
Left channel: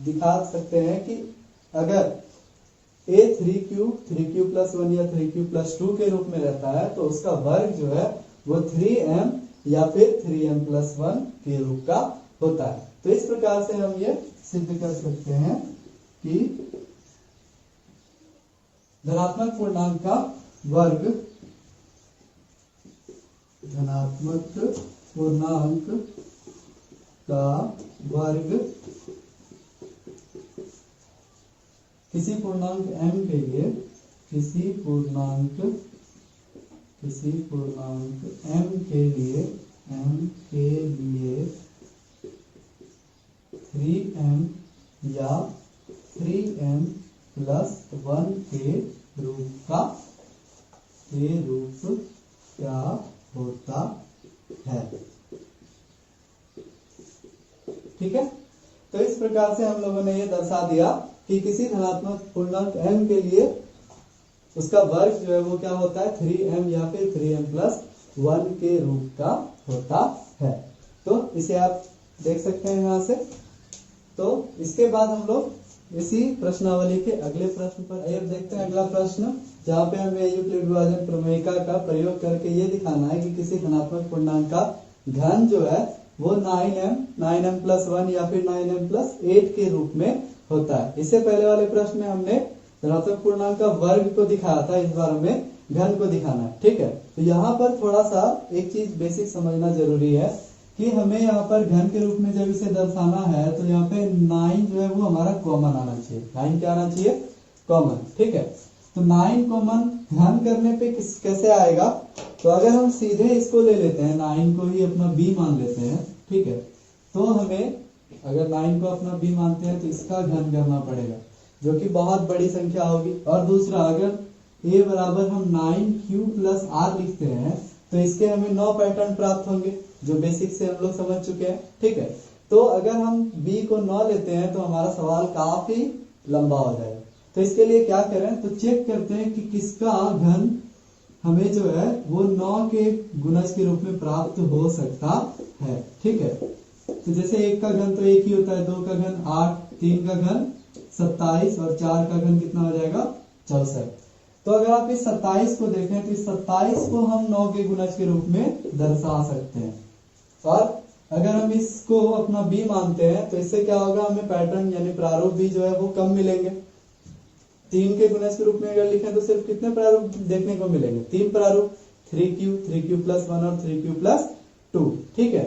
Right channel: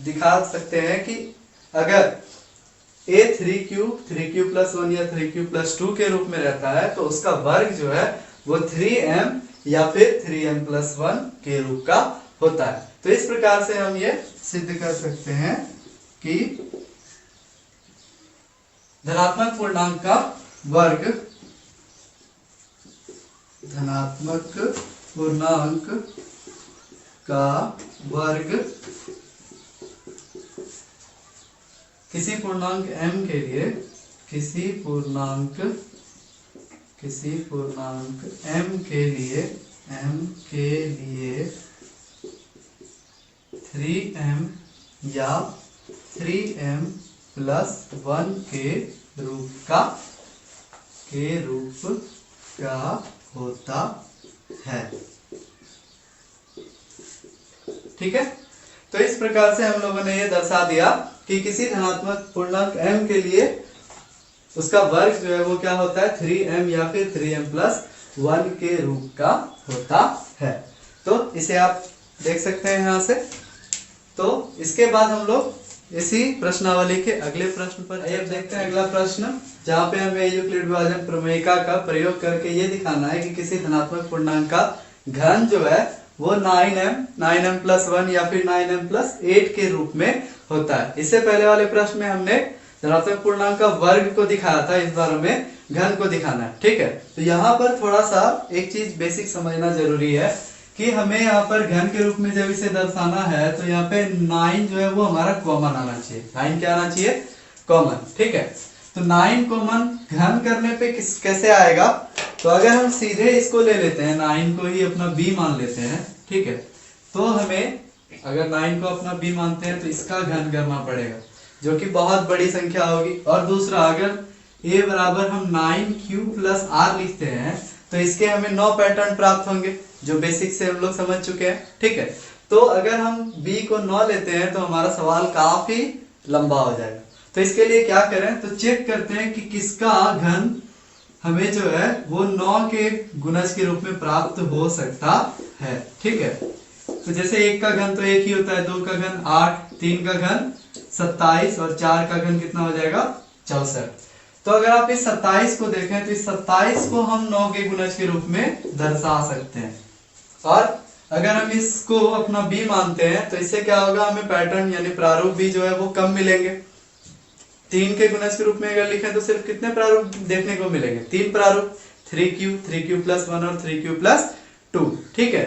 दिखा सकते हैं कि अगर a 3q प्लस 1 या 3q प्लस 2 के रूप में रहता है तो उसका वर्ग जो है वो 3m या फिर 3m प्लस 1 के रूप का होता है। तो इस प्रकार से हम ये सिद्ध कर सकते हैं कि धनात्मक पूर्णांक का वर्ग, धनात्मक पूर्णांक का वर्ग किसी पूर्णांक m के लिए, किसी पूर्णांक m के लिए 3m या 3m प्लस 1 के रूप का होता है। ठीक है, तो इस प्रकार से हम लोगों ने ये दर्शा दिया कि किसी धनात्मक पूर्णांक m के लिए उसका वर्ग जो है वो क्या होता है? 3m या फिर 3m प्लस 1 के रूप का होता है। तो इसे आप देख सकते हैं यहाँ से। तो इसके बाद हम लोग इसी प्रश्नावली के अगले प्रश्न पर अब देखते हैं। अगला प्रश्न, जहाँ पे हमें यूक्लिड विभाजन प्रमेयिका का प्रयोग करके ये दिखाना है कि किसी धनात्मक पूर्णांक का घन जो है वो 9m प्लस 1 या फिर 9m प्लस 8 के रूप में होता है। इससे पहले वाले प्रश्न में हमने धनात्मक पूर्णांक का वर्ग को दिखाया था, इस बार हमें घन को दिखाना है। ठीक है, तो यहाँ पर थोड़ा सा एक चीज बेसिक समझना जरूरी है कि हमें यहाँ पर घन के रूप में जब इसे दर्शाना है तो यहाँ पे 9 जो है वो हमारा कॉमन आना चाहिए। 9 क्या आना चाहिए? कॉमन। ठीक है, तो 9 कॉमन घन करने पे कैसे आएगा? तो अगर हम सीधे इसको ले लेते हैं, 9 को ही अपना b मान लेते हैं। ठीक है, तो हमें अगर 9 को अपना b मानते हैं तो इसका घन करना पड़ेगा, जो कि बहुत बड़ी संख्या होगी। और दूसरा, अगर a बराबर हम 9q प्लस r लिखते हैं तो इसके हमें 9 पैटर्न प्राप्त होंगे, जो बेसिक से हम लोग समझ चुके हैं। ठीक है, तो अगर हम b को 9 लेते हैं तो हमारा सवाल काफी लंबा हो जाएगा। तो इसके लिए क्या करें? तो चेक करते हैं कि किसका घन हमें जो है वो 9 के गुणज के रूप में प्राप्त हो सकता है। ठीक है, तो जैसे 1 का घन तो 1 ही होता है, 2 का घन 8, 3 का घन 27 और 4 का घन कितना हो जाएगा? 64। तो अगर आप इस 27 को देखें तो इस 27 को हम 9 के गुणज के रूप में दर्शा सकते हैं। और अगर हम इसको अपना b मानते हैं तो इससे क्या होगा? हमें पैटर्न यानी प्रारूप भी जो है वो कम मिलेंगे। 3 के गुणज के रूप में अगर लिखें तो सिर्फ कितने प्रारूप देखने को मिलेंगे? 3 प्रारूप, 3q प्लस 1 और 3q प्लस 2। ठीक है,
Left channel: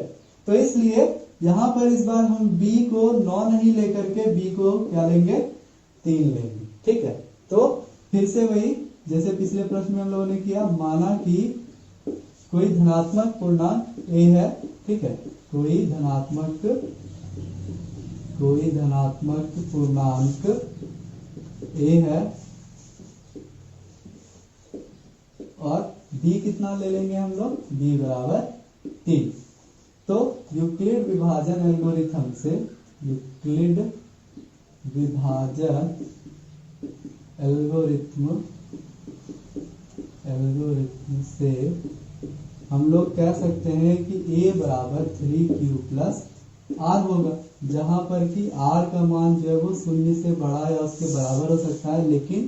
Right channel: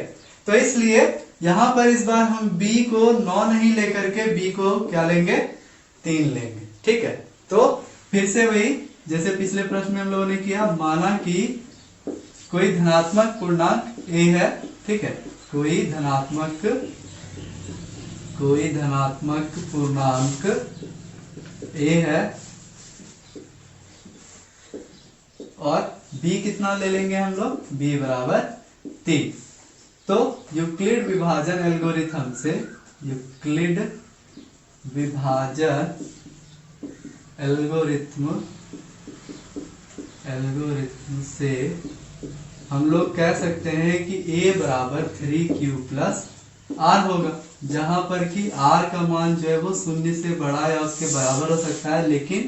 तो इसलिए यहाँ पर इस बार हम b को 9 नहीं लेकर के b को क्या लेंगे? 3 लेंगे। ठीक है, तो फिर से वही जैसे पिछले प्रश्न में हम लोगों ने किया, माना कि कोई धनात्मक पूर्णांक a है। ठीक है, कोई धनात्मक पूर्णांक a है और b कितना ले लेंगे हम लोग? b बराबर 3। तो यूक्लिड विभाजन एल्गोरिथम से, यूक्लिड विभाजन एल्गोरिथम से हम लोग कह सकते हैं कि a बराबर 3q प्लस r होगा, जहां पर कि r का मान जो है वो 0 से बड़ा या उसके बराबर हो सकता है, लेकिन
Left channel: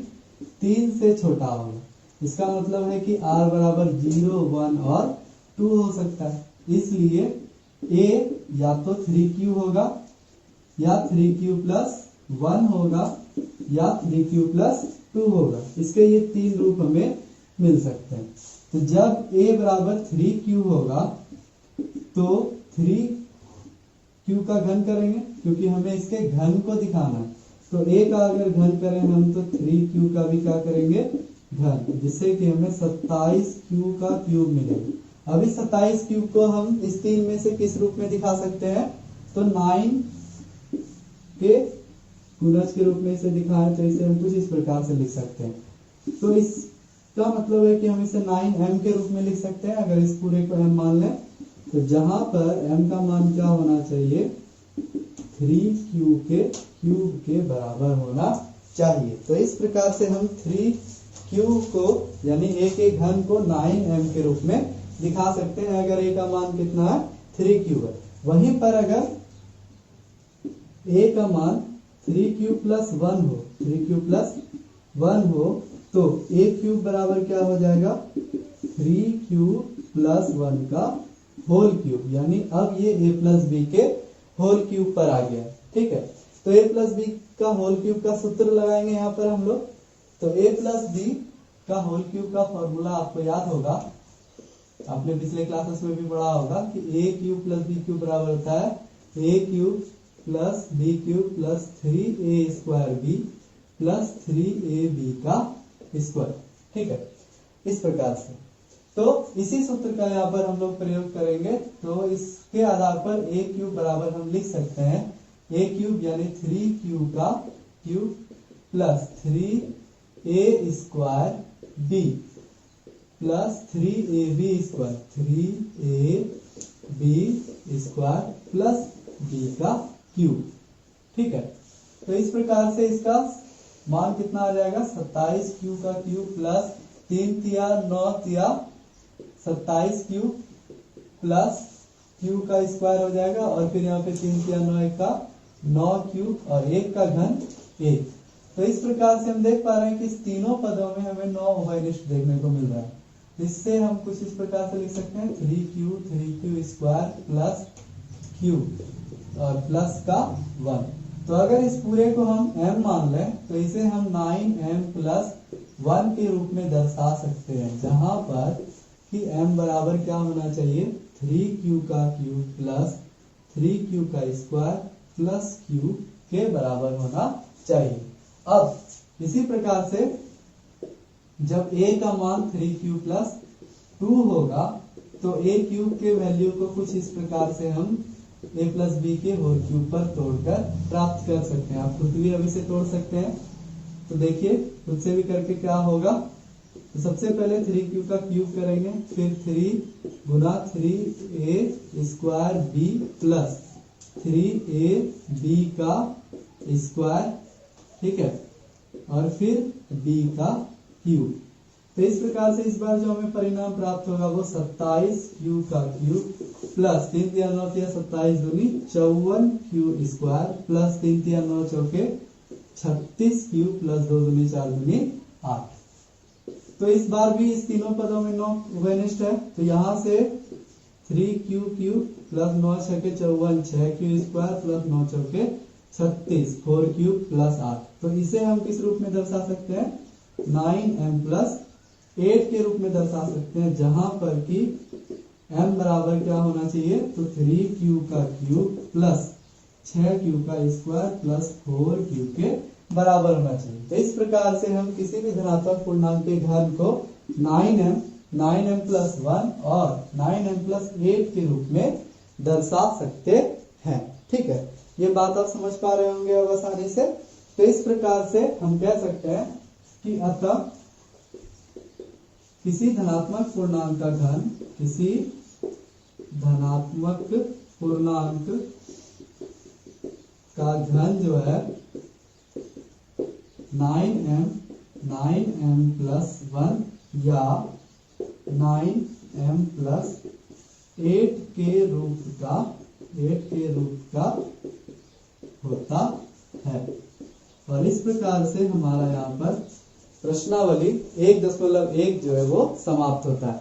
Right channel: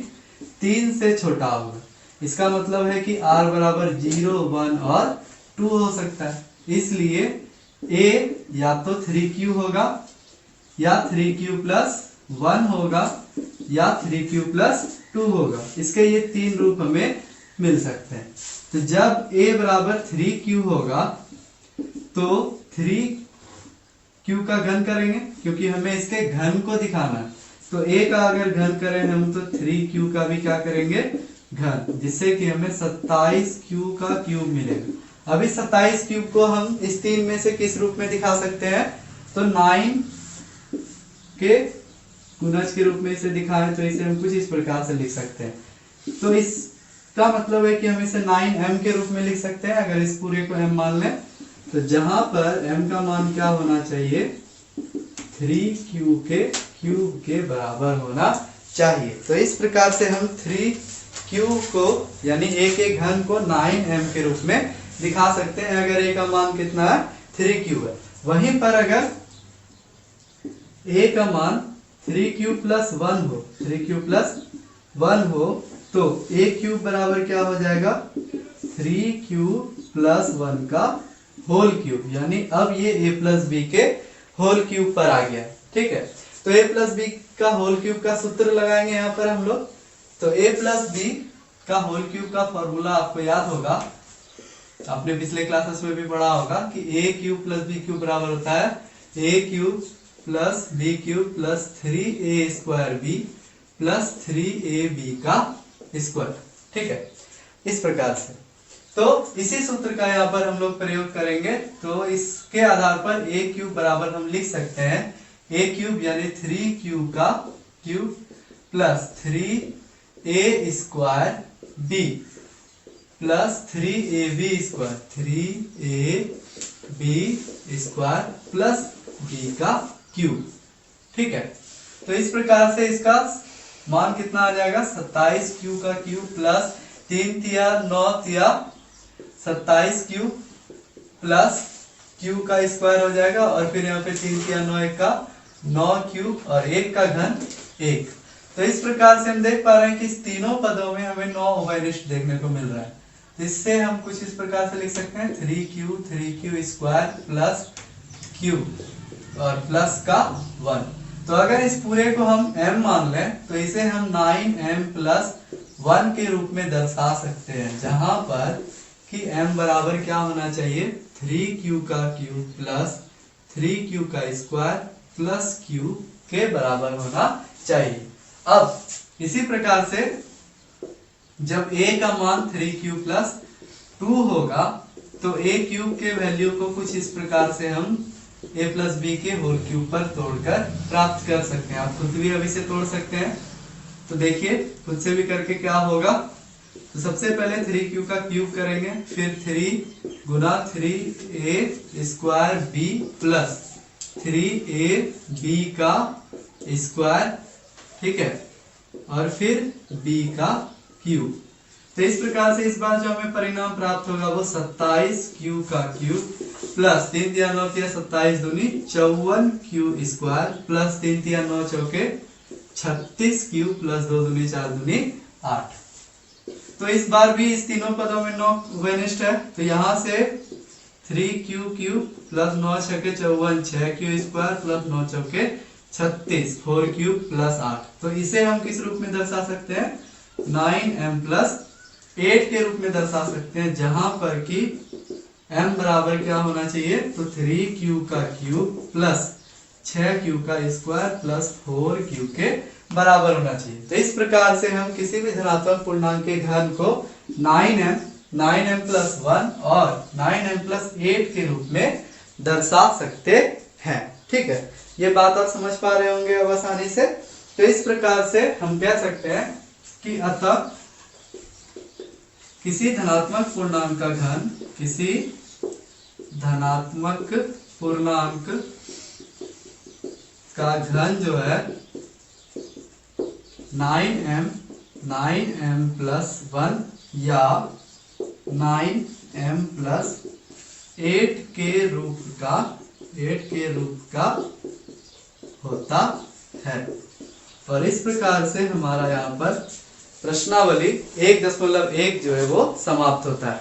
3 से छोटा होगा। इसका मतलब है कि r बराबर 0, 1 और 2 हो सकता है। इसलिए a या तो 3q होगा या 3q प्लस 1 होगा या 3q प्लस 2 होगा। इसके ये 3 रूप हमें मिल सकते हैं। तो जब a बराबर 3q होगा तो 3q का घन करेंगे, क्योंकि हमें इसके घन को दिखाना है। तो a का अगर घन करें हम तो 3q का भी क्या करेंगे घन, जिससे कि हमें 27q का क्यूब मिलेगा। अभी 27 क्यूब को हम इस 3 में से किस रूप में दिखा सकते हैं, तो 9 के गुणज के रूप में इसे दिखाएं तो इसे हम कुछ इस प्रकार से लिख सकते हैं। तो इसका मतलब है कि हम इसे 9m के रूप में लिख सकते हैं अगर इस पूरे को m मान लें। तो जहां पर m का मान क्या होना चाहिए, 3q के क्यूब के बराबर होना चाहिए। तो इस प्रकार से हम 3q को यानी a के घन को 9m के रूप में दिखा सकते हैं अगर a का मान कितना है 3q है। वहीं पर अगर a का मान 3q प्लस 1 हो, 3q प्लस 1 हो तो a क्यूब बराबर क्या हो जाएगा 3q प्लस 1 का होल क्यूब, यानी अब ये a प्लस बी के होल क्यूब पर आ गया। ठीक है, तो a प्लस बी का होल क्यूब का सूत्र लगाएंगे यहाँ पर हम लोग। तो a प्लस बी का होल क्यूब का फॉर्मूला आपको याद होगा, आपने पिछले क्लासेस में भी पढ़ा होगा कि a cube plus B cube बराबर होता है a cube plus B cube plus 3a square B plus 3ab का स्क्वायर। ठीक है, इस प्रकार से। तो इसी सूत्र का यहाँ पर हम लोग प्रयोग करेंगे। तो इसके आधार पर a क्यूब बराबर हम लिख सकते हैं a क्यूब यानी 3q का cube plus 3a square b plus 3ab square, 3ab square plus b का क्यूब। ठीक है, तो इस प्रकार से इसका मान कितना आ जाएगा 27q का क्यूब प्लस 3 तिया 9 तिया 27 क्यूब प्लस q का स्क्वायर हो जाएगा और फिर यहाँ पे 3 तिया 9 1 का 9 क्यूब और 1 का घन 1। तो इस प्रकार से हम देख पा रहे हैं कि इस तीनों पदों में हमें 9 उभयनिष्ठ देखने को मिल रहा है। इससे हम कुछ इस प्रकार से लिख सकते हैं 3q स्क्वायर प्लस q और प्लस का 1। तो अगर इस पूरे को हम m मान लें तो इसे हम 9m प्लस 1 के रूप में दर्शा सकते हैं, जहां पर कि m बराबर क्या होना चाहिए 3q का क्यूब प्लस 3q का स्क्वायर प्लस q के बराबर होना चाहिए। अब इसी प्रकार से जब a का मान 3q प्लस 2 होगा तो a क्यूब के वैल्यू को कुछ इस प्रकार से हम a प्लस बी के होल क्यूब पर तोड़कर प्राप्त कर सकते हैं। आप खुद भी अभी से तोड़ सकते हैं। तो देखिए खुद से भी करके क्या होगा। तो सबसे पहले 3q का क्यूब करेंगे, फिर 3 गुना 3a square b plus 3ab का स्क्वायर, ठीक है, और फिर b का क्यूब। तो इस प्रकार से इस बार जो हमें परिणाम प्राप्त होगा वो 27q का क्यूब प्लस 3 तिया 9 तिया 27 दूनी 54q स्क्वायर प्लस 3 तिया 9 चौके 36q प्लस 2 दूनी 4 दूनी 8। तो इस बार भी इस तीनों पदों में 9 उभयनिष्ठ है। तो यहाँ से 3q क्यूब प्लस 9 छके 54 6q स्क्वायर प्लस 9 चौके 36 4q प्लस 8। तो इसे हम किस रूप में दर्शा सकते हैं 9m प्लस 8 के रूप में दर्शा सकते हैं, जहां पर कि m बराबर क्या होना चाहिए तो 3q का क्यूब प्लस 6q का स्क्वायर प्लस 4q के बराबर होना चाहिए। तो इस प्रकार से हम किसी भी धनात्मक पूर्णांक के घन को 9m प्लस 1 और 9m प्लस 8 के रूप में दर्शा सकते हैं। ठीक है, ये बात आप समझ पा रहे होंगे अब आसानी से। तो इस प्रकार से हम कह सकते हैं कि अतः किसी धनात्मक पूर्णांक का घन, किसी धनात्मक पूर्णांक का घन जो है 9m प्लस 1 या 9m प्लस 8 के रूप का होता है। और इस प्रकार से हमारा यहाँ पर प्रश्नावली 1.1 जो है वो समाप्त होता है।